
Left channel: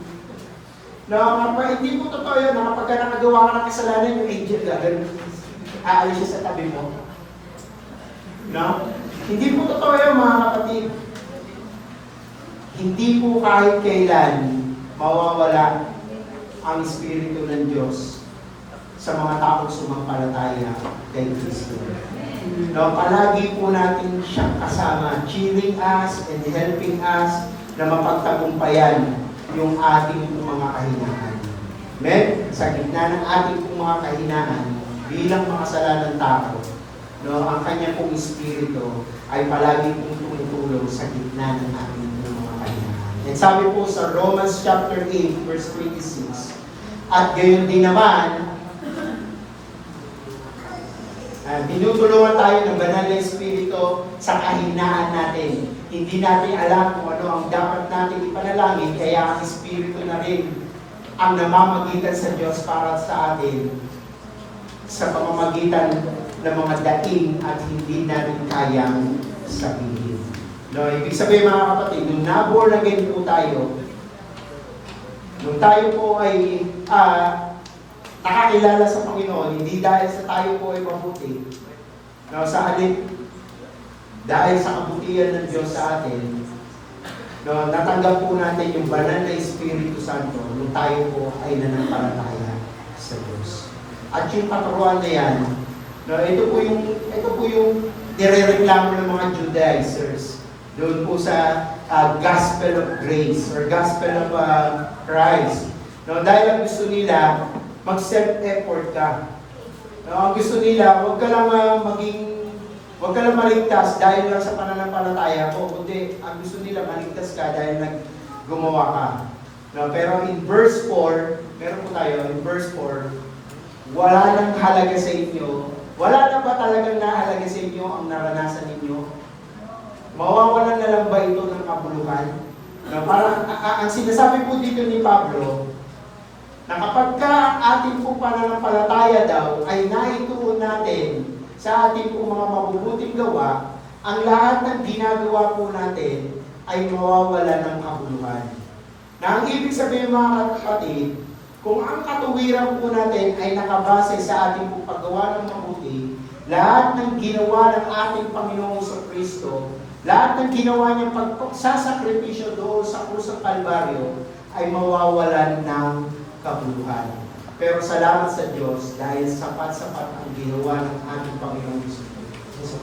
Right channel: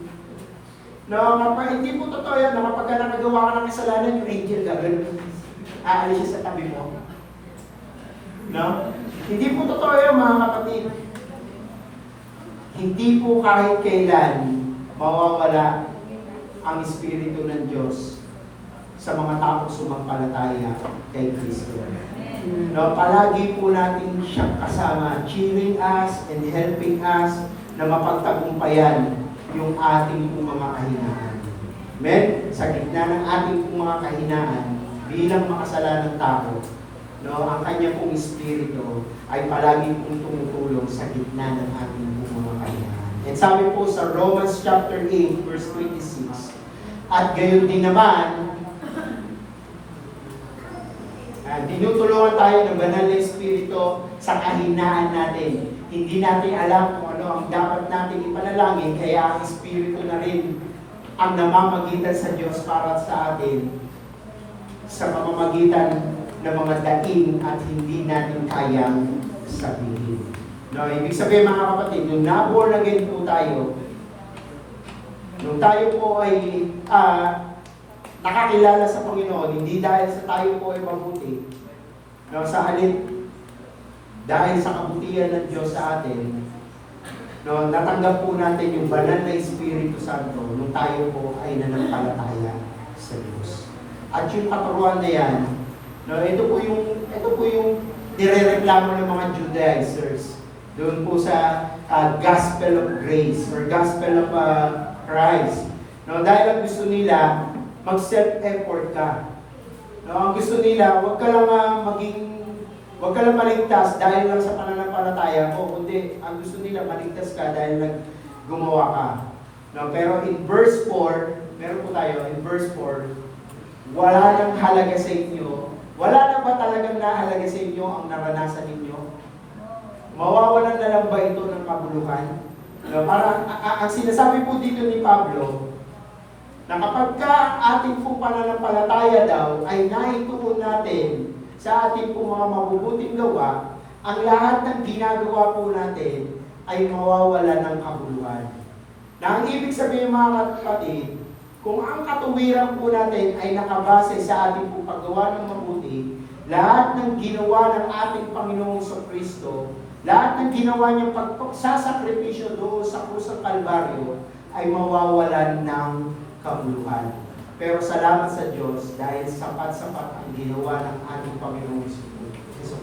No, hindi po totoo yan na kapag nakagawa ka ng kasalanan, yung angel gagawin. Aalis siya sa tabi mo. No? Hindi po totoo yun mga kapatid. Hindi po kahit kailan mawawala ang Espiritu ng Diyos sa mga taong sumampalataya kay Kristo. No, palagi po natin siyang kasama, cheering us and helping us na mapagtagumpayan yung ating pong mga kahinaan. Amen? Sa gitna ng ating pong mga kahinaan, bilang makasalanan tao, no, ang kanya pong Espiritu ay palagi pong tumutulong sa gitna ng ating pong mga kahinaan. And sabi po sa Romans chapter 8, verse 26, at gayon din naman, tinutulungan tayo ng banal na Espiritu sa kahinaan natin. Hindi natin alam kung ano ang dapat natin ipanalangin, kaya ang Espiritu na rin ang namamagitan sa Diyos para sa atin sa pamamagitan ng mga daing at hindi natin kayang sabihin. No, ibig sabihin mga kapatid, nung na-born again po tayo, nung tayo po ay nakakilala sa Panginoon, hindi dahil sa tayo po ay mabuti, no, sa halip, dahil sa kabutihan ng Diyos sa atin, no, natanggap po natin yung banal na Espiritu Santo nung tayo po ay nanampalataya sa Diyos. At yung katuruan na yan, no, ito po yung nirereklamo ng mga Judaizers doon po sa Gospel of Grace or Gospel of Christ. No, dahil ang gusto nila, mag-self-effort ka. No, ang gusto nila, huwag ka lang maligtas dahil lang sa pananampalataya mo, kundi ang gusto nila maligtas ka dahil gumawa ka. No, pero in verse 4, meron po tayo, in verse 4, wala nang halaga sa inyo. Wala na ba talagang nahalaga sa inyo ang naranasan ninyo? Mawawalan na lang ba ito ng kabuluhan? No, parang ang sinasabi po dito ni Pablo, na kapag ka ating pong pananampalataya daw ay naituon natin sa ating pong mga mabubuting gawa, ang lahat ng ginagawa po natin ay mawawala ng kabuluhan. Na ang ibig sabihin mga kapatid, kung ang katuwiran po natin ay nakabase sa ating pong paggawa ng mabuti, lahat ng ginawa ng ating Panginoong Kristo, lahat ng ginawa niyang pagsasakripisyo doon sa krus ng Kalbaryo ay mawawalan ng kabuluhan. Pero salamat sa Diyos dahil sapat-sapat ang ginawa ng ating Panginoong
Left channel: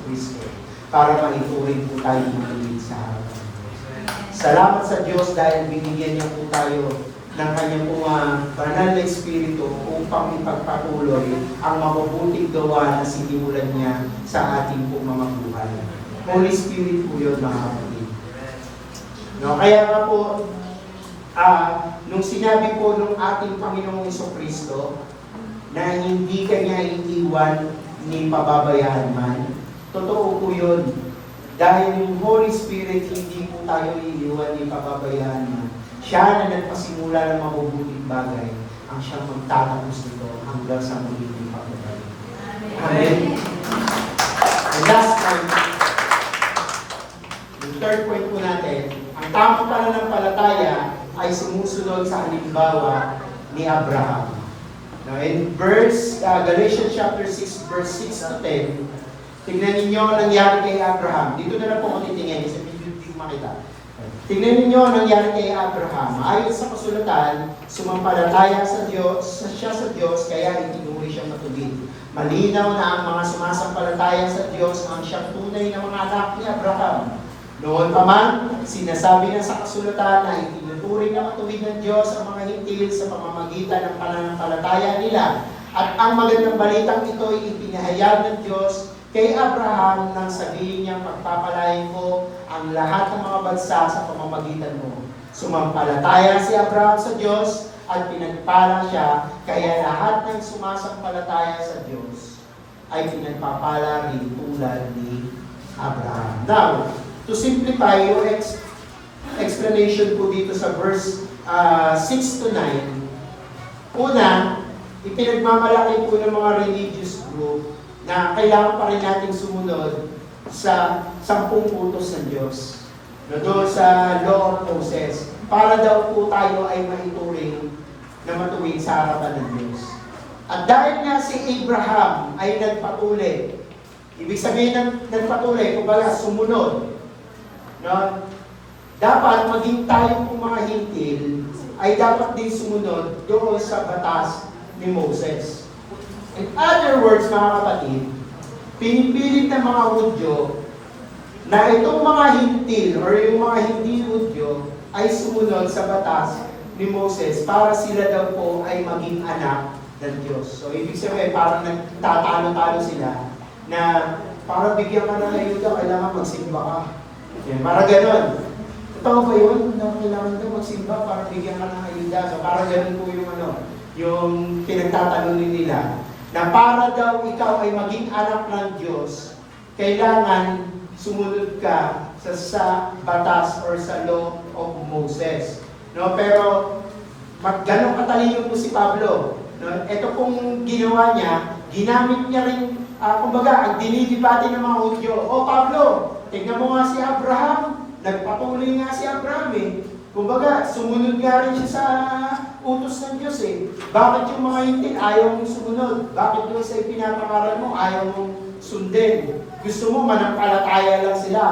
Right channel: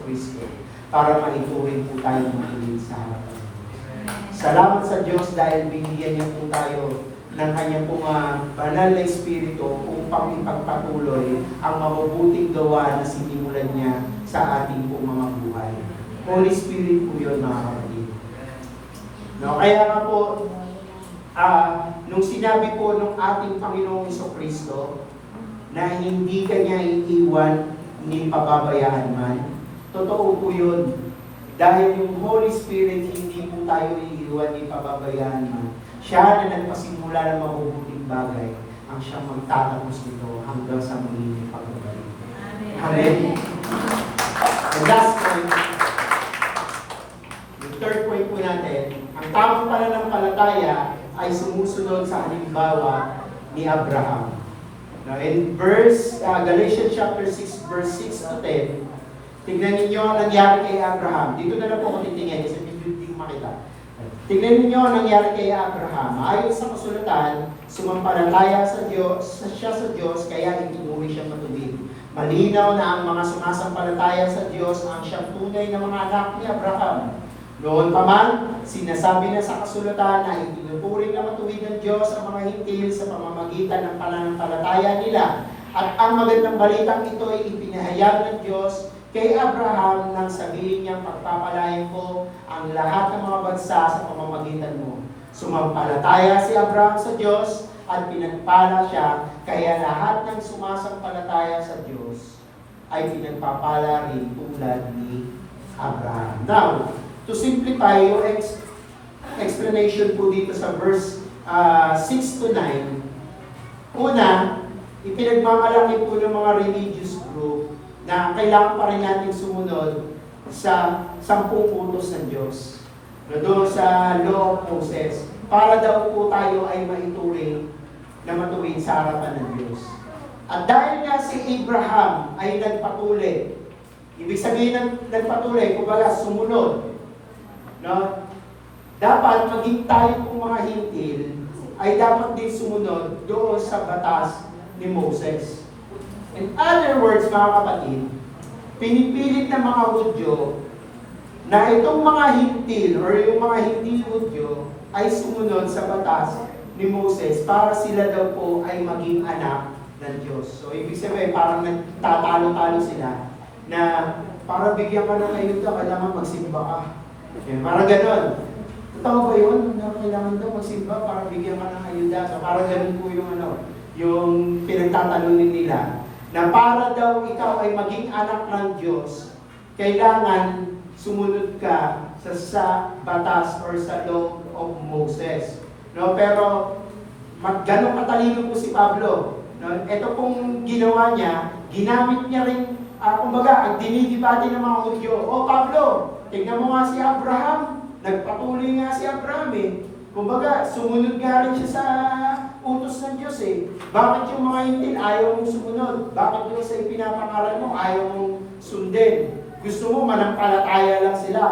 Kristo para maituwid po tayo matuwid sa harapan ng Diyos. Salamat sa Diyos dahil binigyan niya po tayo ng kanyang pong banal na Espiritu upang ipagpatuloy ang mabubuting gawa na sinimulan niya sa ating pong mga buhay. Holy Spirit po yun mga kapatid. No, kaya nga po, nung sinabi po nung ating Panginoong Kristo na hindi ka niya iiwan ni pababayaan man. Totoo po yun. Dahil yung Holy Spirit, hindi po tayo iiwan ni pababayaan man. Siya na nagpasimula ng mabubuting bagay, ang siyang magtatapos nito hanggang sa muling pagbabalik. Amen. And last point, yung third point po natin, ang tamang pananampalataya ay sumusunod sa halimbawa ni Abraham. Now, in Galatians chapter 6, verse 6 to 10, tignan ninyo ang nangyari kay Abraham. Dito na lang po ako titingin kasi hindi ko makita. Tignan ninyo ang nangyari kay Abraham. Ayon sa kasulatan, sumampalataya siya sa Diyos, kaya itinuri siyang matuwid. Malinaw na ang mga sumasampalataya sa Diyos ang siyang tunay na mga anak ni Abraham. Noon pa man, sinasabi na sa kasulatan na itinuturing na matuwid ng Diyos ang mga hintil sa pamamagitan ng pananampalataya nila. At ang magandang balitang ito ay ipinahayag ng Diyos kay Abraham nang sabihin niyang pagpapalain ko ang lahat ng mga bansa sa pamamagitan mo. Sumampalataya si Abraham sa Diyos at pinagpala siya, kaya lahat ng sumasampalataya sa Diyos ay pinagpapala rin tulad ni Abraham. Now, to simplify yung explanation po dito sa verse 6 to 9, una, ipinagmamalaki po ng mga religious group na kailangan pa rin natin sumunod sa 10 utos ng Diyos. Doon sa Law of Moses, para daw po tayo ay maituring na matuwid sa harapan ng Diyos. At dahil nga si Abraham ay nagpatuloy, ibig sabihin ng nagpatuloy, kumbaga sumunod, no? Dapat maging tayo kung mga hintil ay dapat din sumunod doon sa batas ni Moses. In other words, mga kapatid, pinipilit ng mga Hudyo na itong mga hintil or yung mga hindi Hudyo ay sumunod sa batas ni Moses para sila daw po ay maging anak ng Diyos. So, ibig sabihin, parang nagtatalo-talo sila na para bigyan ka ng ayuda, kailangan magsimba ka. Okay, parang ganon. Totoo ba yun? Na kailangan daw magsimba para bigyan ka ng ayuda. So, parang ganon po yung pinagtatalunin nila. Na para daw ikaw ay maging anak ng Diyos, kailangan sumunod ka sa batas or sa law of Moses. No, pero ganun katalino po si Pablo. No, ito pong ginawa niya, ginamit niya rin, kumbaga, ang dinidibati ng mga Hudyo. Oh Pablo, tignan mo nga si Abraham, nagpatuloy nga si Abraham eh. Kumbaga, sumunod nga rin siya sa utos ng Diyos eh. Bakit yung mga hintil ayaw mong sumunod? Bakit yung sa ipinapangaral mo ayaw mong sundin? Gusto mo manampalataya lang sila.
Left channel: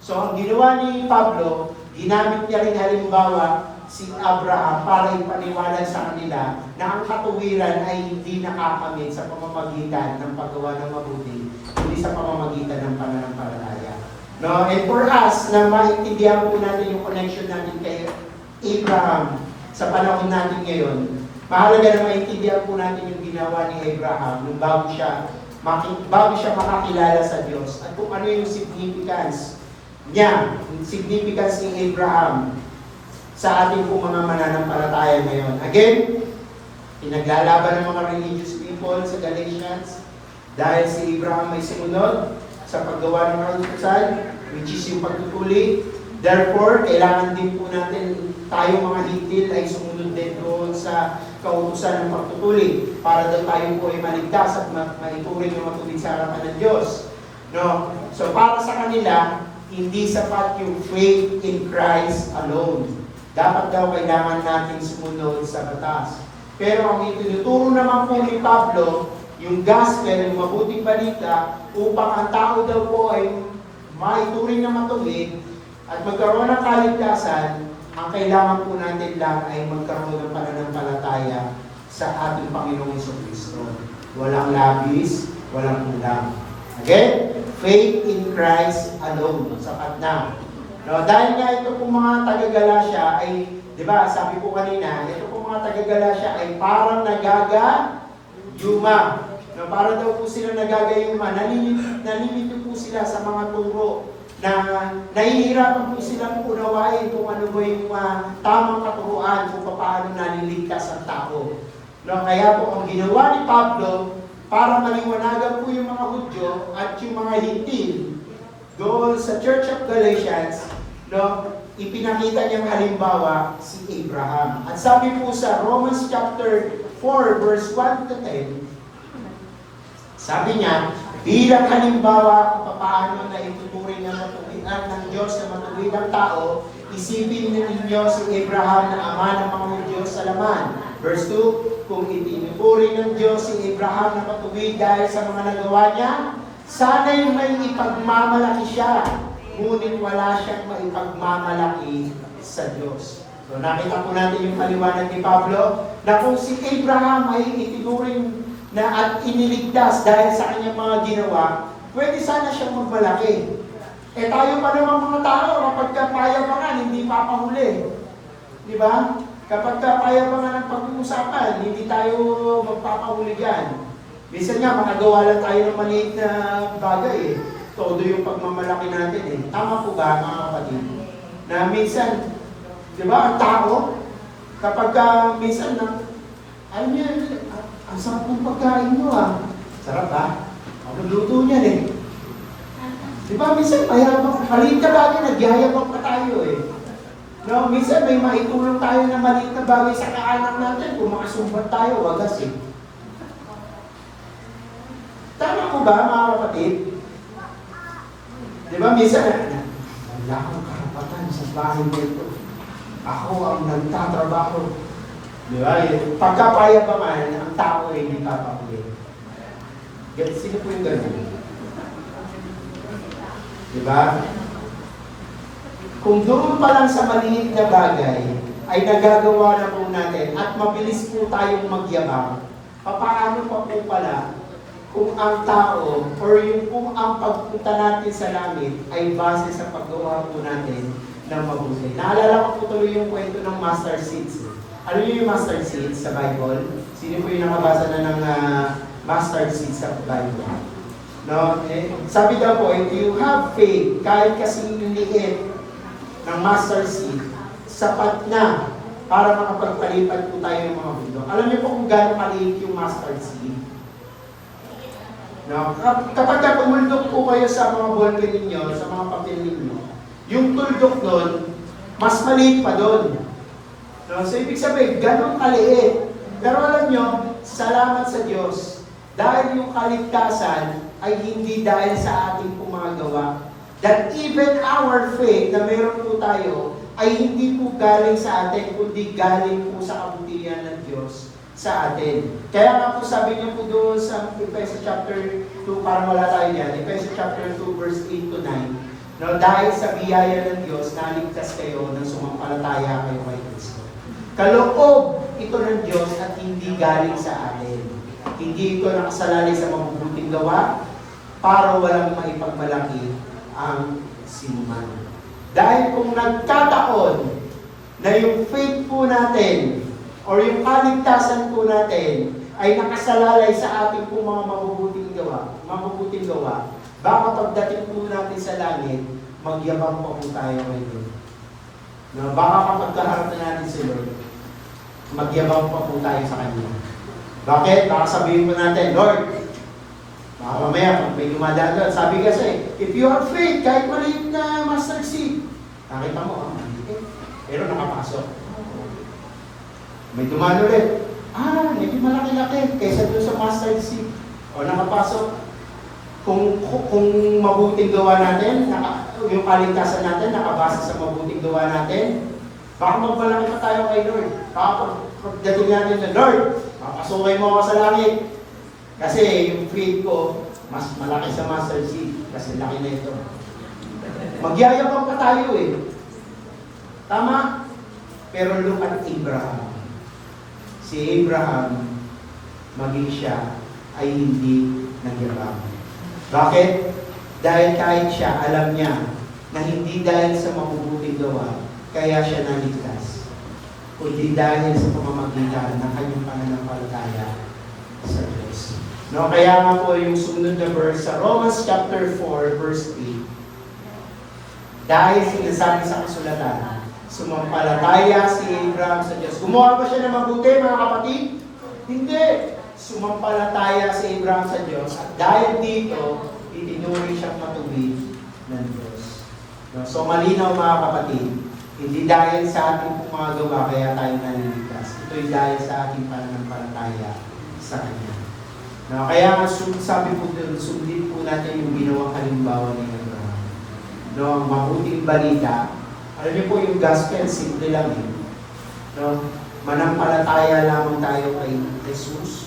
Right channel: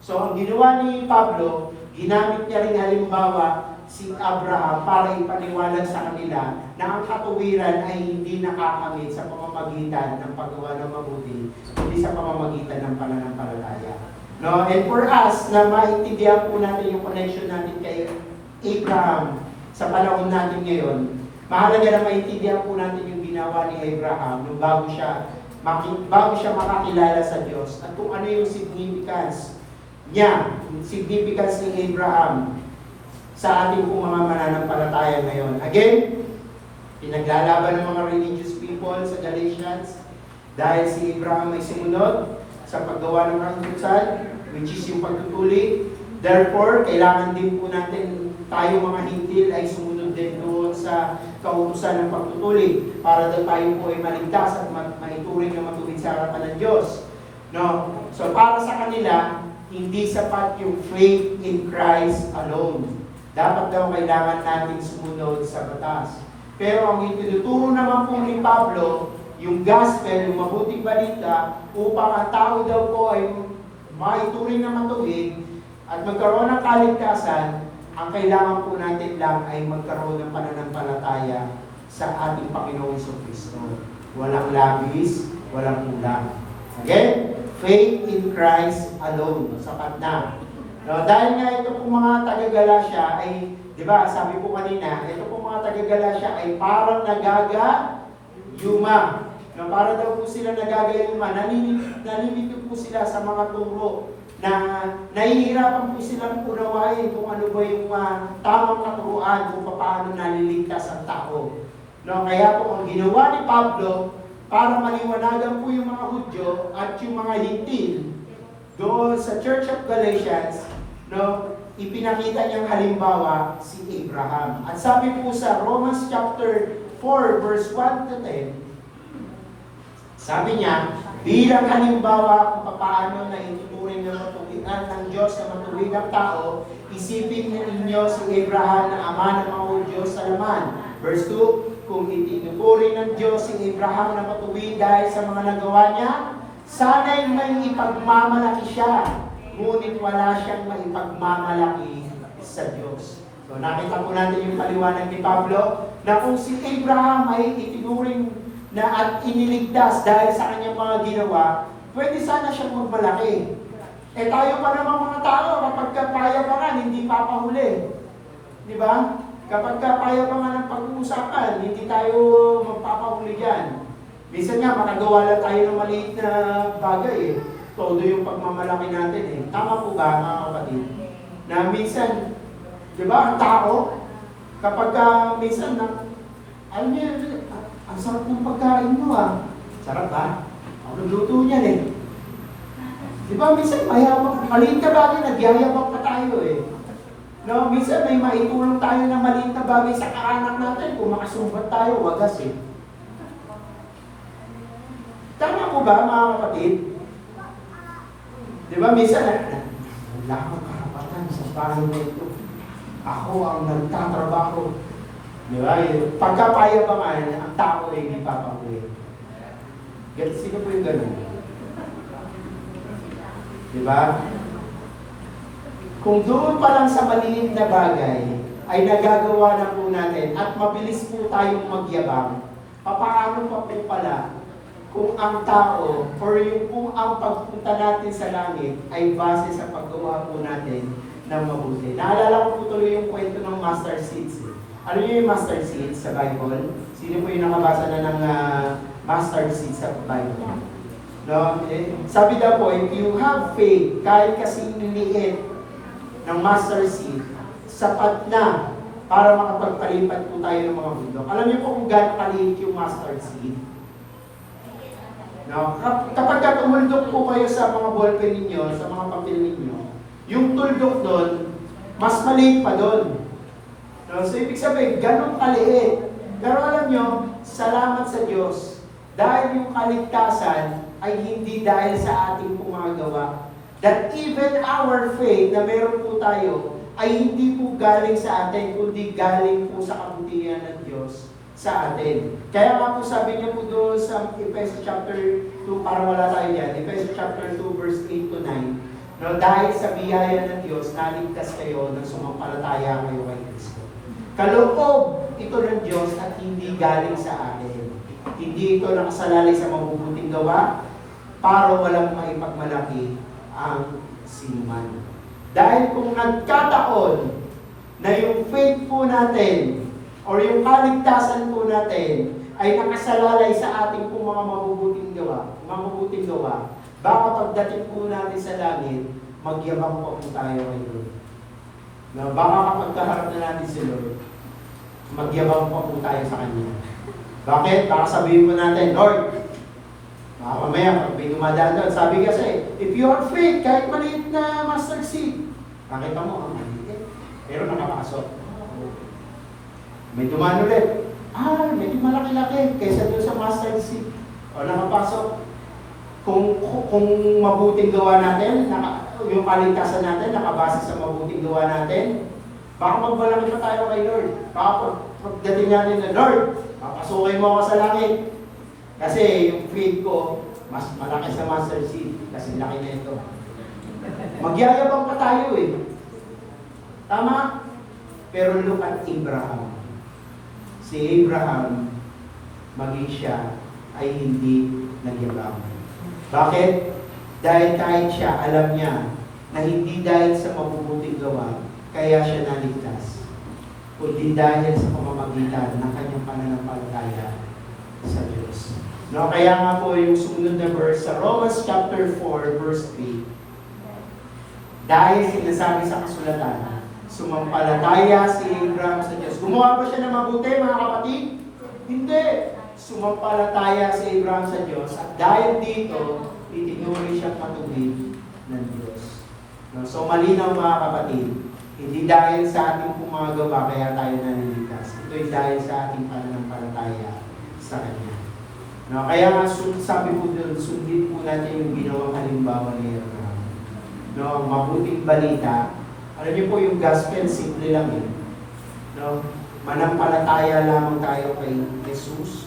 So ang ginawa ni Pablo, ginamit niya rin halimbawa si Abraham para ipaniwalag sa kanila na ang katuwiran ay hindi nakakamit sa pamamagitan ng paggawa ng mabuti, hindi sa pamamagitan ng pananampalataya. No, and for us na maintindihan po natin yung connection natin kay Abraham sa panahon natin ngayon, mahalaga na maintindihan po natin yung ginawa ni Abraham nung bago siya makakilala sa Diyos at kung ano yung significance niya, yung significance ni Abraham sa ating po mga mananampalataya ngayon. Again, pinaglalaban ng mga religious people sa Galatians dahil si Abraham ay sumunod sa paggawa ng mga utusan, which is yung pagtutuli. Therefore, kailangan din po natin tayo mga hintil ay sumunod din doon sa kautusan ng pagtutuli para daw tayo po ay maligtas at maituring na matuwid sa harapan ng Diyos. No? So para sa kanila, hindi sapat yung faith in Christ alone. Dapat daw kailangan natin sumunod sa batas. Pero ang itinuturo naman po ni Pablo, yung gospel, yung mabuting balita, upang ang tao daw po ay maituring na matuwid at magkaroon ng kaligtasan, ang kailangan po natin lang ay magkaroon ng pananampalataya sa ating Panginoong Jesucristo. Walang labis, walang kulang. Okay? Faith in Christ alone. Sapat na. No, dahil nga ito pong mga taga-Galacia ay, di ba, sabi ko kanina, ito pong mga taga-Galacia ay parang nagagayuma. No, para daw po sila nagagayuma, nalilito po sila sa mga turo na nahihirapan po silang unawain kung ano ba yung tamang katuruan kung paano naliligtas ang tao. No, kaya po ang ginawa ni Pablo para maliwanagan po yung mga Hudyo at yung mga Hintil doon sa Church of Galatians, no, ipinakita niyang halimbawa si Abraham. At sabi po sa Romans chapter 4 verse 1 to 10, sabi niya, bilang halimbawa kung paano na ituturing ng matuwiran ng Diyos na matuwid ang tao, isipin ninyo si Abraham na ama ng mga Hudyo sa laman. Verse 2, kung itinupuri ng Diyos si Abraham na matuwid dahil sa mga nagawa niya, sana'y may ipagmamalaki siya, ngunit wala siyang maipagmamalaki sa Diyos. So nakita po natin yung paliwanag ni Pablo na kung si Abraham ay itinuring na at iniligtas dahil sa kanyang mga ginawa, pwede sana siyang magmalaki. Eh tayo pa naman mga tao, kapag kapayabangan, hindi papahuli. Di ba? Kapag kapayabangan ng pag-uusapan, hindi tayo magpapahuli dyan. Minsan nga, makagawa lang tayo ng maliit na bagay eh. Todo yung pagmamalaki natin eh. Tama po ba mga kapatid? Na minsan, di ba, ang tao, kapag minsan na, alam niya, ang sarap ng pagkain mo ah. Sarap ba? Ako nagluto niyan eh. Di ba, minsan mayabang, maliit na bagay, nagyayabang pa tayo eh. No, minsan may maitulong tayo na maliit na bagay sa kaanak natin kung makasumbat tayo, wagas eh. Tama po ba mga kapatid? Di ba, minsan wala akong karapatan sa bahay na ito. Ako ang nagtatrabaho. Di ba? Pagkapayabangan, ang tao ay hindi papakuwi. Sino po yung ganun? Di ba? Kung doon pa lang sa maliit na bagay ay nagagawa na po natin at mabilis po tayong magyabang, paano pa po pala kung ang tao or yung kung ang pagpunta natin sa langit ay base sa paggawa po natin ng mabuti. Naalala ko po tuloy yung kwento ng mustard seeds. Ano yung mustard seeds sa Bible? Sino po yung nakabasa na ng mustard seeds sa Bible? No? Sabi daw po, if you have faith, kahit kasing liit ng mustard seed, sapat na para makapagpalipat po tayo ng mga bundok. Alam niyo po kung gaano kaliit yung mustard seed? No? Kapag tumuldok po kayo sa mga ballpen ninyo, sa mga papel ninyo, yung tuldok doon, mas maliit pa doon. No? So ibig sabihin, ganun kaliit. Pero alam niyo, salamat sa Diyos, dahil yung kaligtasan ay hindi dahil sa ating pong mga gawa. That even our faith na meron po tayo ay hindi po galing sa atin, kundi galing po sa kabutihan ng Diyos sa atin. Kaya nga po sabi niyo po doon sa Ephesians chapter 2, para wala tayo yan, Ephesians chapter 2 verse 8 to 9, no, dahil sa biyaya ng Diyos, naligtas kayo ng sumampalataya kayo kay Kristo. Kaloob ito ng Diyos at hindi galing sa atin. Hindi ito nakasalalay sa mabubuting gawa para walang maipagmalaki ang sinuman. Dahil kung nagkataon na yung faith po natin or yung kaligtasan po natin ay nakasalalay sa ating po mga mabubuting gawa, baka pagdating po natin sa langit, magyabang pa po tayo kay Lord. Na baka kapag kaharap na natin si Lord, magyabang pa po tayo sa Kanya. Bakit? Baka sabihin mo natin, Lord, baka mamaya, pag may dumadaan doon, sabi kasi, if you have faith, kahit maliit na mustard seed, nakita mo, maliit, pero nakapasok. May dumaan ulit, medyo malaki-laki, kaysa doon sa mustard seed. O nakapasok. Kung mabuting gawa natin, yung kaligtasan natin, nakabasa sa mabuting gawa natin, baka magbalaki pa tayo kay Lord. Baka pagdating natin na, Lord, papasukin mo ako sa langit. Kasi yung faith ko, mas malaki sa mustard seed. Kasi laki na ito. Magyayabang pa tayo eh. Tama? Pero look at Abraham. Si Abraham, maging siya, ay hindi nagyabang. Bakit? Dahil kahit siya, alam niya na hindi dahil sa mabubuting gawa, kaya siya naligtas. Kundi dahil sa pamamagitan ng kanyang pananampalataya sa Diyos. No, kaya nga po yung sumunod na verse sa Romans chapter 4 verse 8. Dahil sinasabi sa kasulatan, sumampalataya si Abraham sa Diyos. Gumawa ba siya ng mabuti, mga kapatid? Hindi. Sumampalataya si Abraham sa Diyos at dahil dito, itinuri siyang matuwid ng Diyos. No? So malinaw mga kapatid, hindi dahil sa ating pong mga gawa kaya tayo naliligtas. Ito'y dahil sa ating pananampalataya sa Kanya. No? Kaya nga sabi po doon, sundin po natin yung ginawang halimbawa ni Abraham. No? Ang mabuting balita, alam niyo po yung gospel, simple lang eh. No? Manampalataya lamang tayo kay Jesus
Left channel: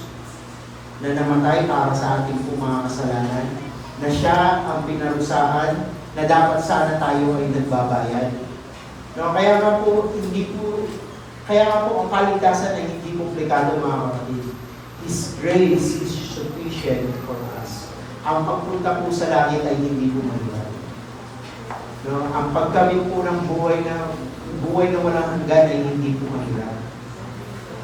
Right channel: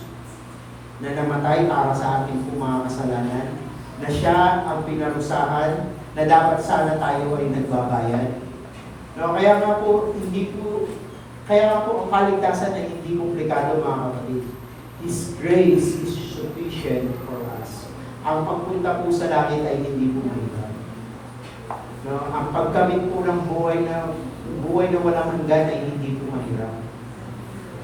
na namatay para sa ating pong mga kasalanan, na siya ang pinarusahan, na dapat sana tayo ay nagbabayad. No, kaya nga po ang kaligtasan ay hindi komplikado mga kapatid. His grace is sufficient for us. Ang pagpunta po sa langit ay hindi po mahirap. No, ang pagkamit po ng buhay na walang hanggan ay hindi po mahirap.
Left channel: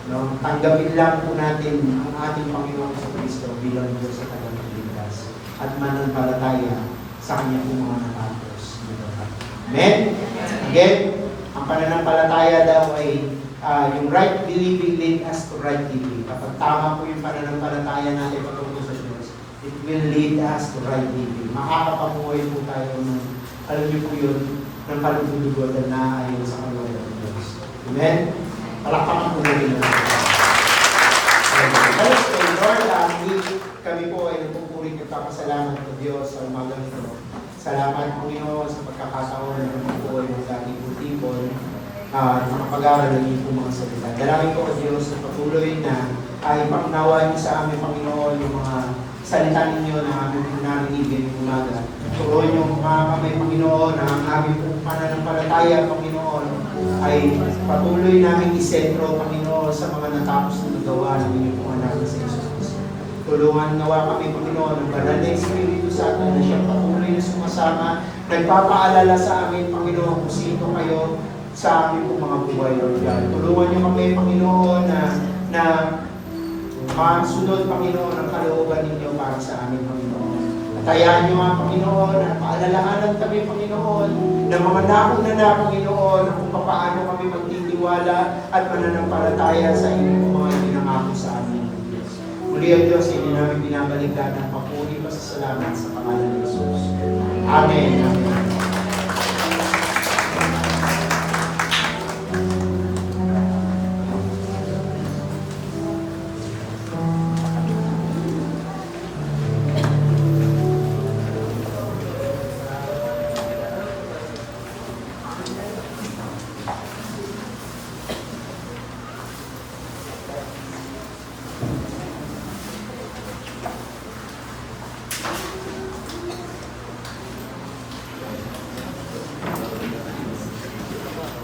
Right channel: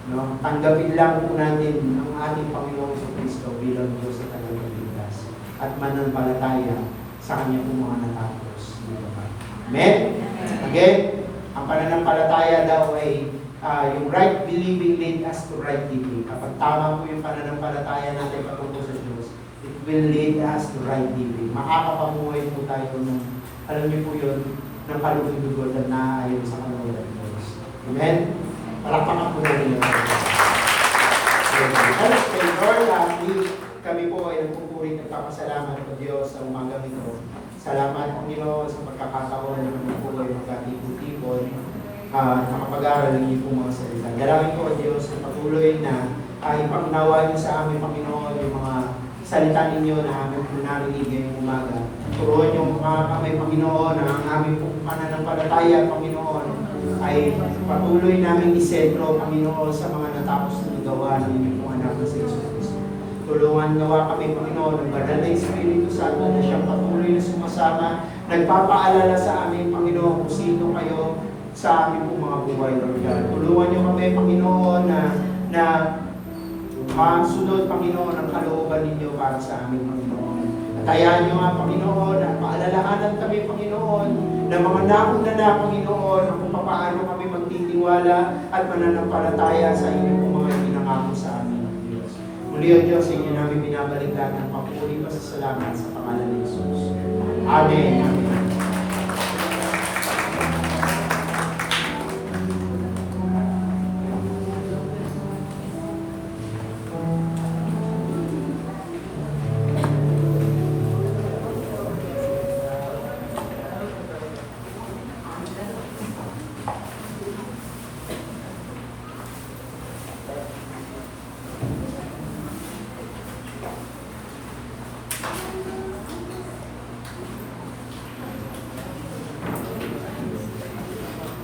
No, tanggapin lang po natin ang ating Panginoon sa Kristo bilang Diyos sa tagapagligtas at mananampalataya sa Kanya po mga natapos. Amen? Again, ang pananampalataya daw ay yung right believing lead us to right living. Kapag tama po yung pananampalataya natin patungkol sa Diyos, it will lead us to right living. Makakapamuhay po tayo ng, alam niyo po yun, ng kalugod-lugod at naayon sa kalooban ng Diyos. Amen? Palakpakan po natin yung Lord, kami po ay nagpupuring nagpapasalamat sa Diyos sa umagang ito. Salamat po Panginoon sa pagkakataon na kami po ay magkatipon-tipon at makapag-aral ng iyong mga salita. Dalangin po Diyos na patuloy na ipaunawa niyo sa amin Panginoon yung mga salita ninyo na aming po narinig ngayong umaga. Turuan niyo mga kami Panginoon na ang aming pong pananampalataya Panginoon ay patuloy namin isentro Panginoon sa mga natapos na gawa ng inyong pong anak na si Jesus. Tulungan nawa kami Panginoon ng banal na Espiritu Santo na siyang patuloy na sumasama, nagpapaalala sa amin Panginoon kung sino kayo sa aming pong mga buhay Lord God. Tulungan niyo kami Panginoon na masunod Panginoon ang kalooban ninyo para sa aming Panginoon. At hayaan niyo nga Panginoon na paalalahanan kami Panginoon na mga naon na Panginoon kung paano kami magtitiwala at mananampalataya sa inyong mga pinangako sa amin. Muli ang Diyos, inyo namin binabalikan ang papuri pa sa salamat sa pangalan ni Jesus. Amen. Amen.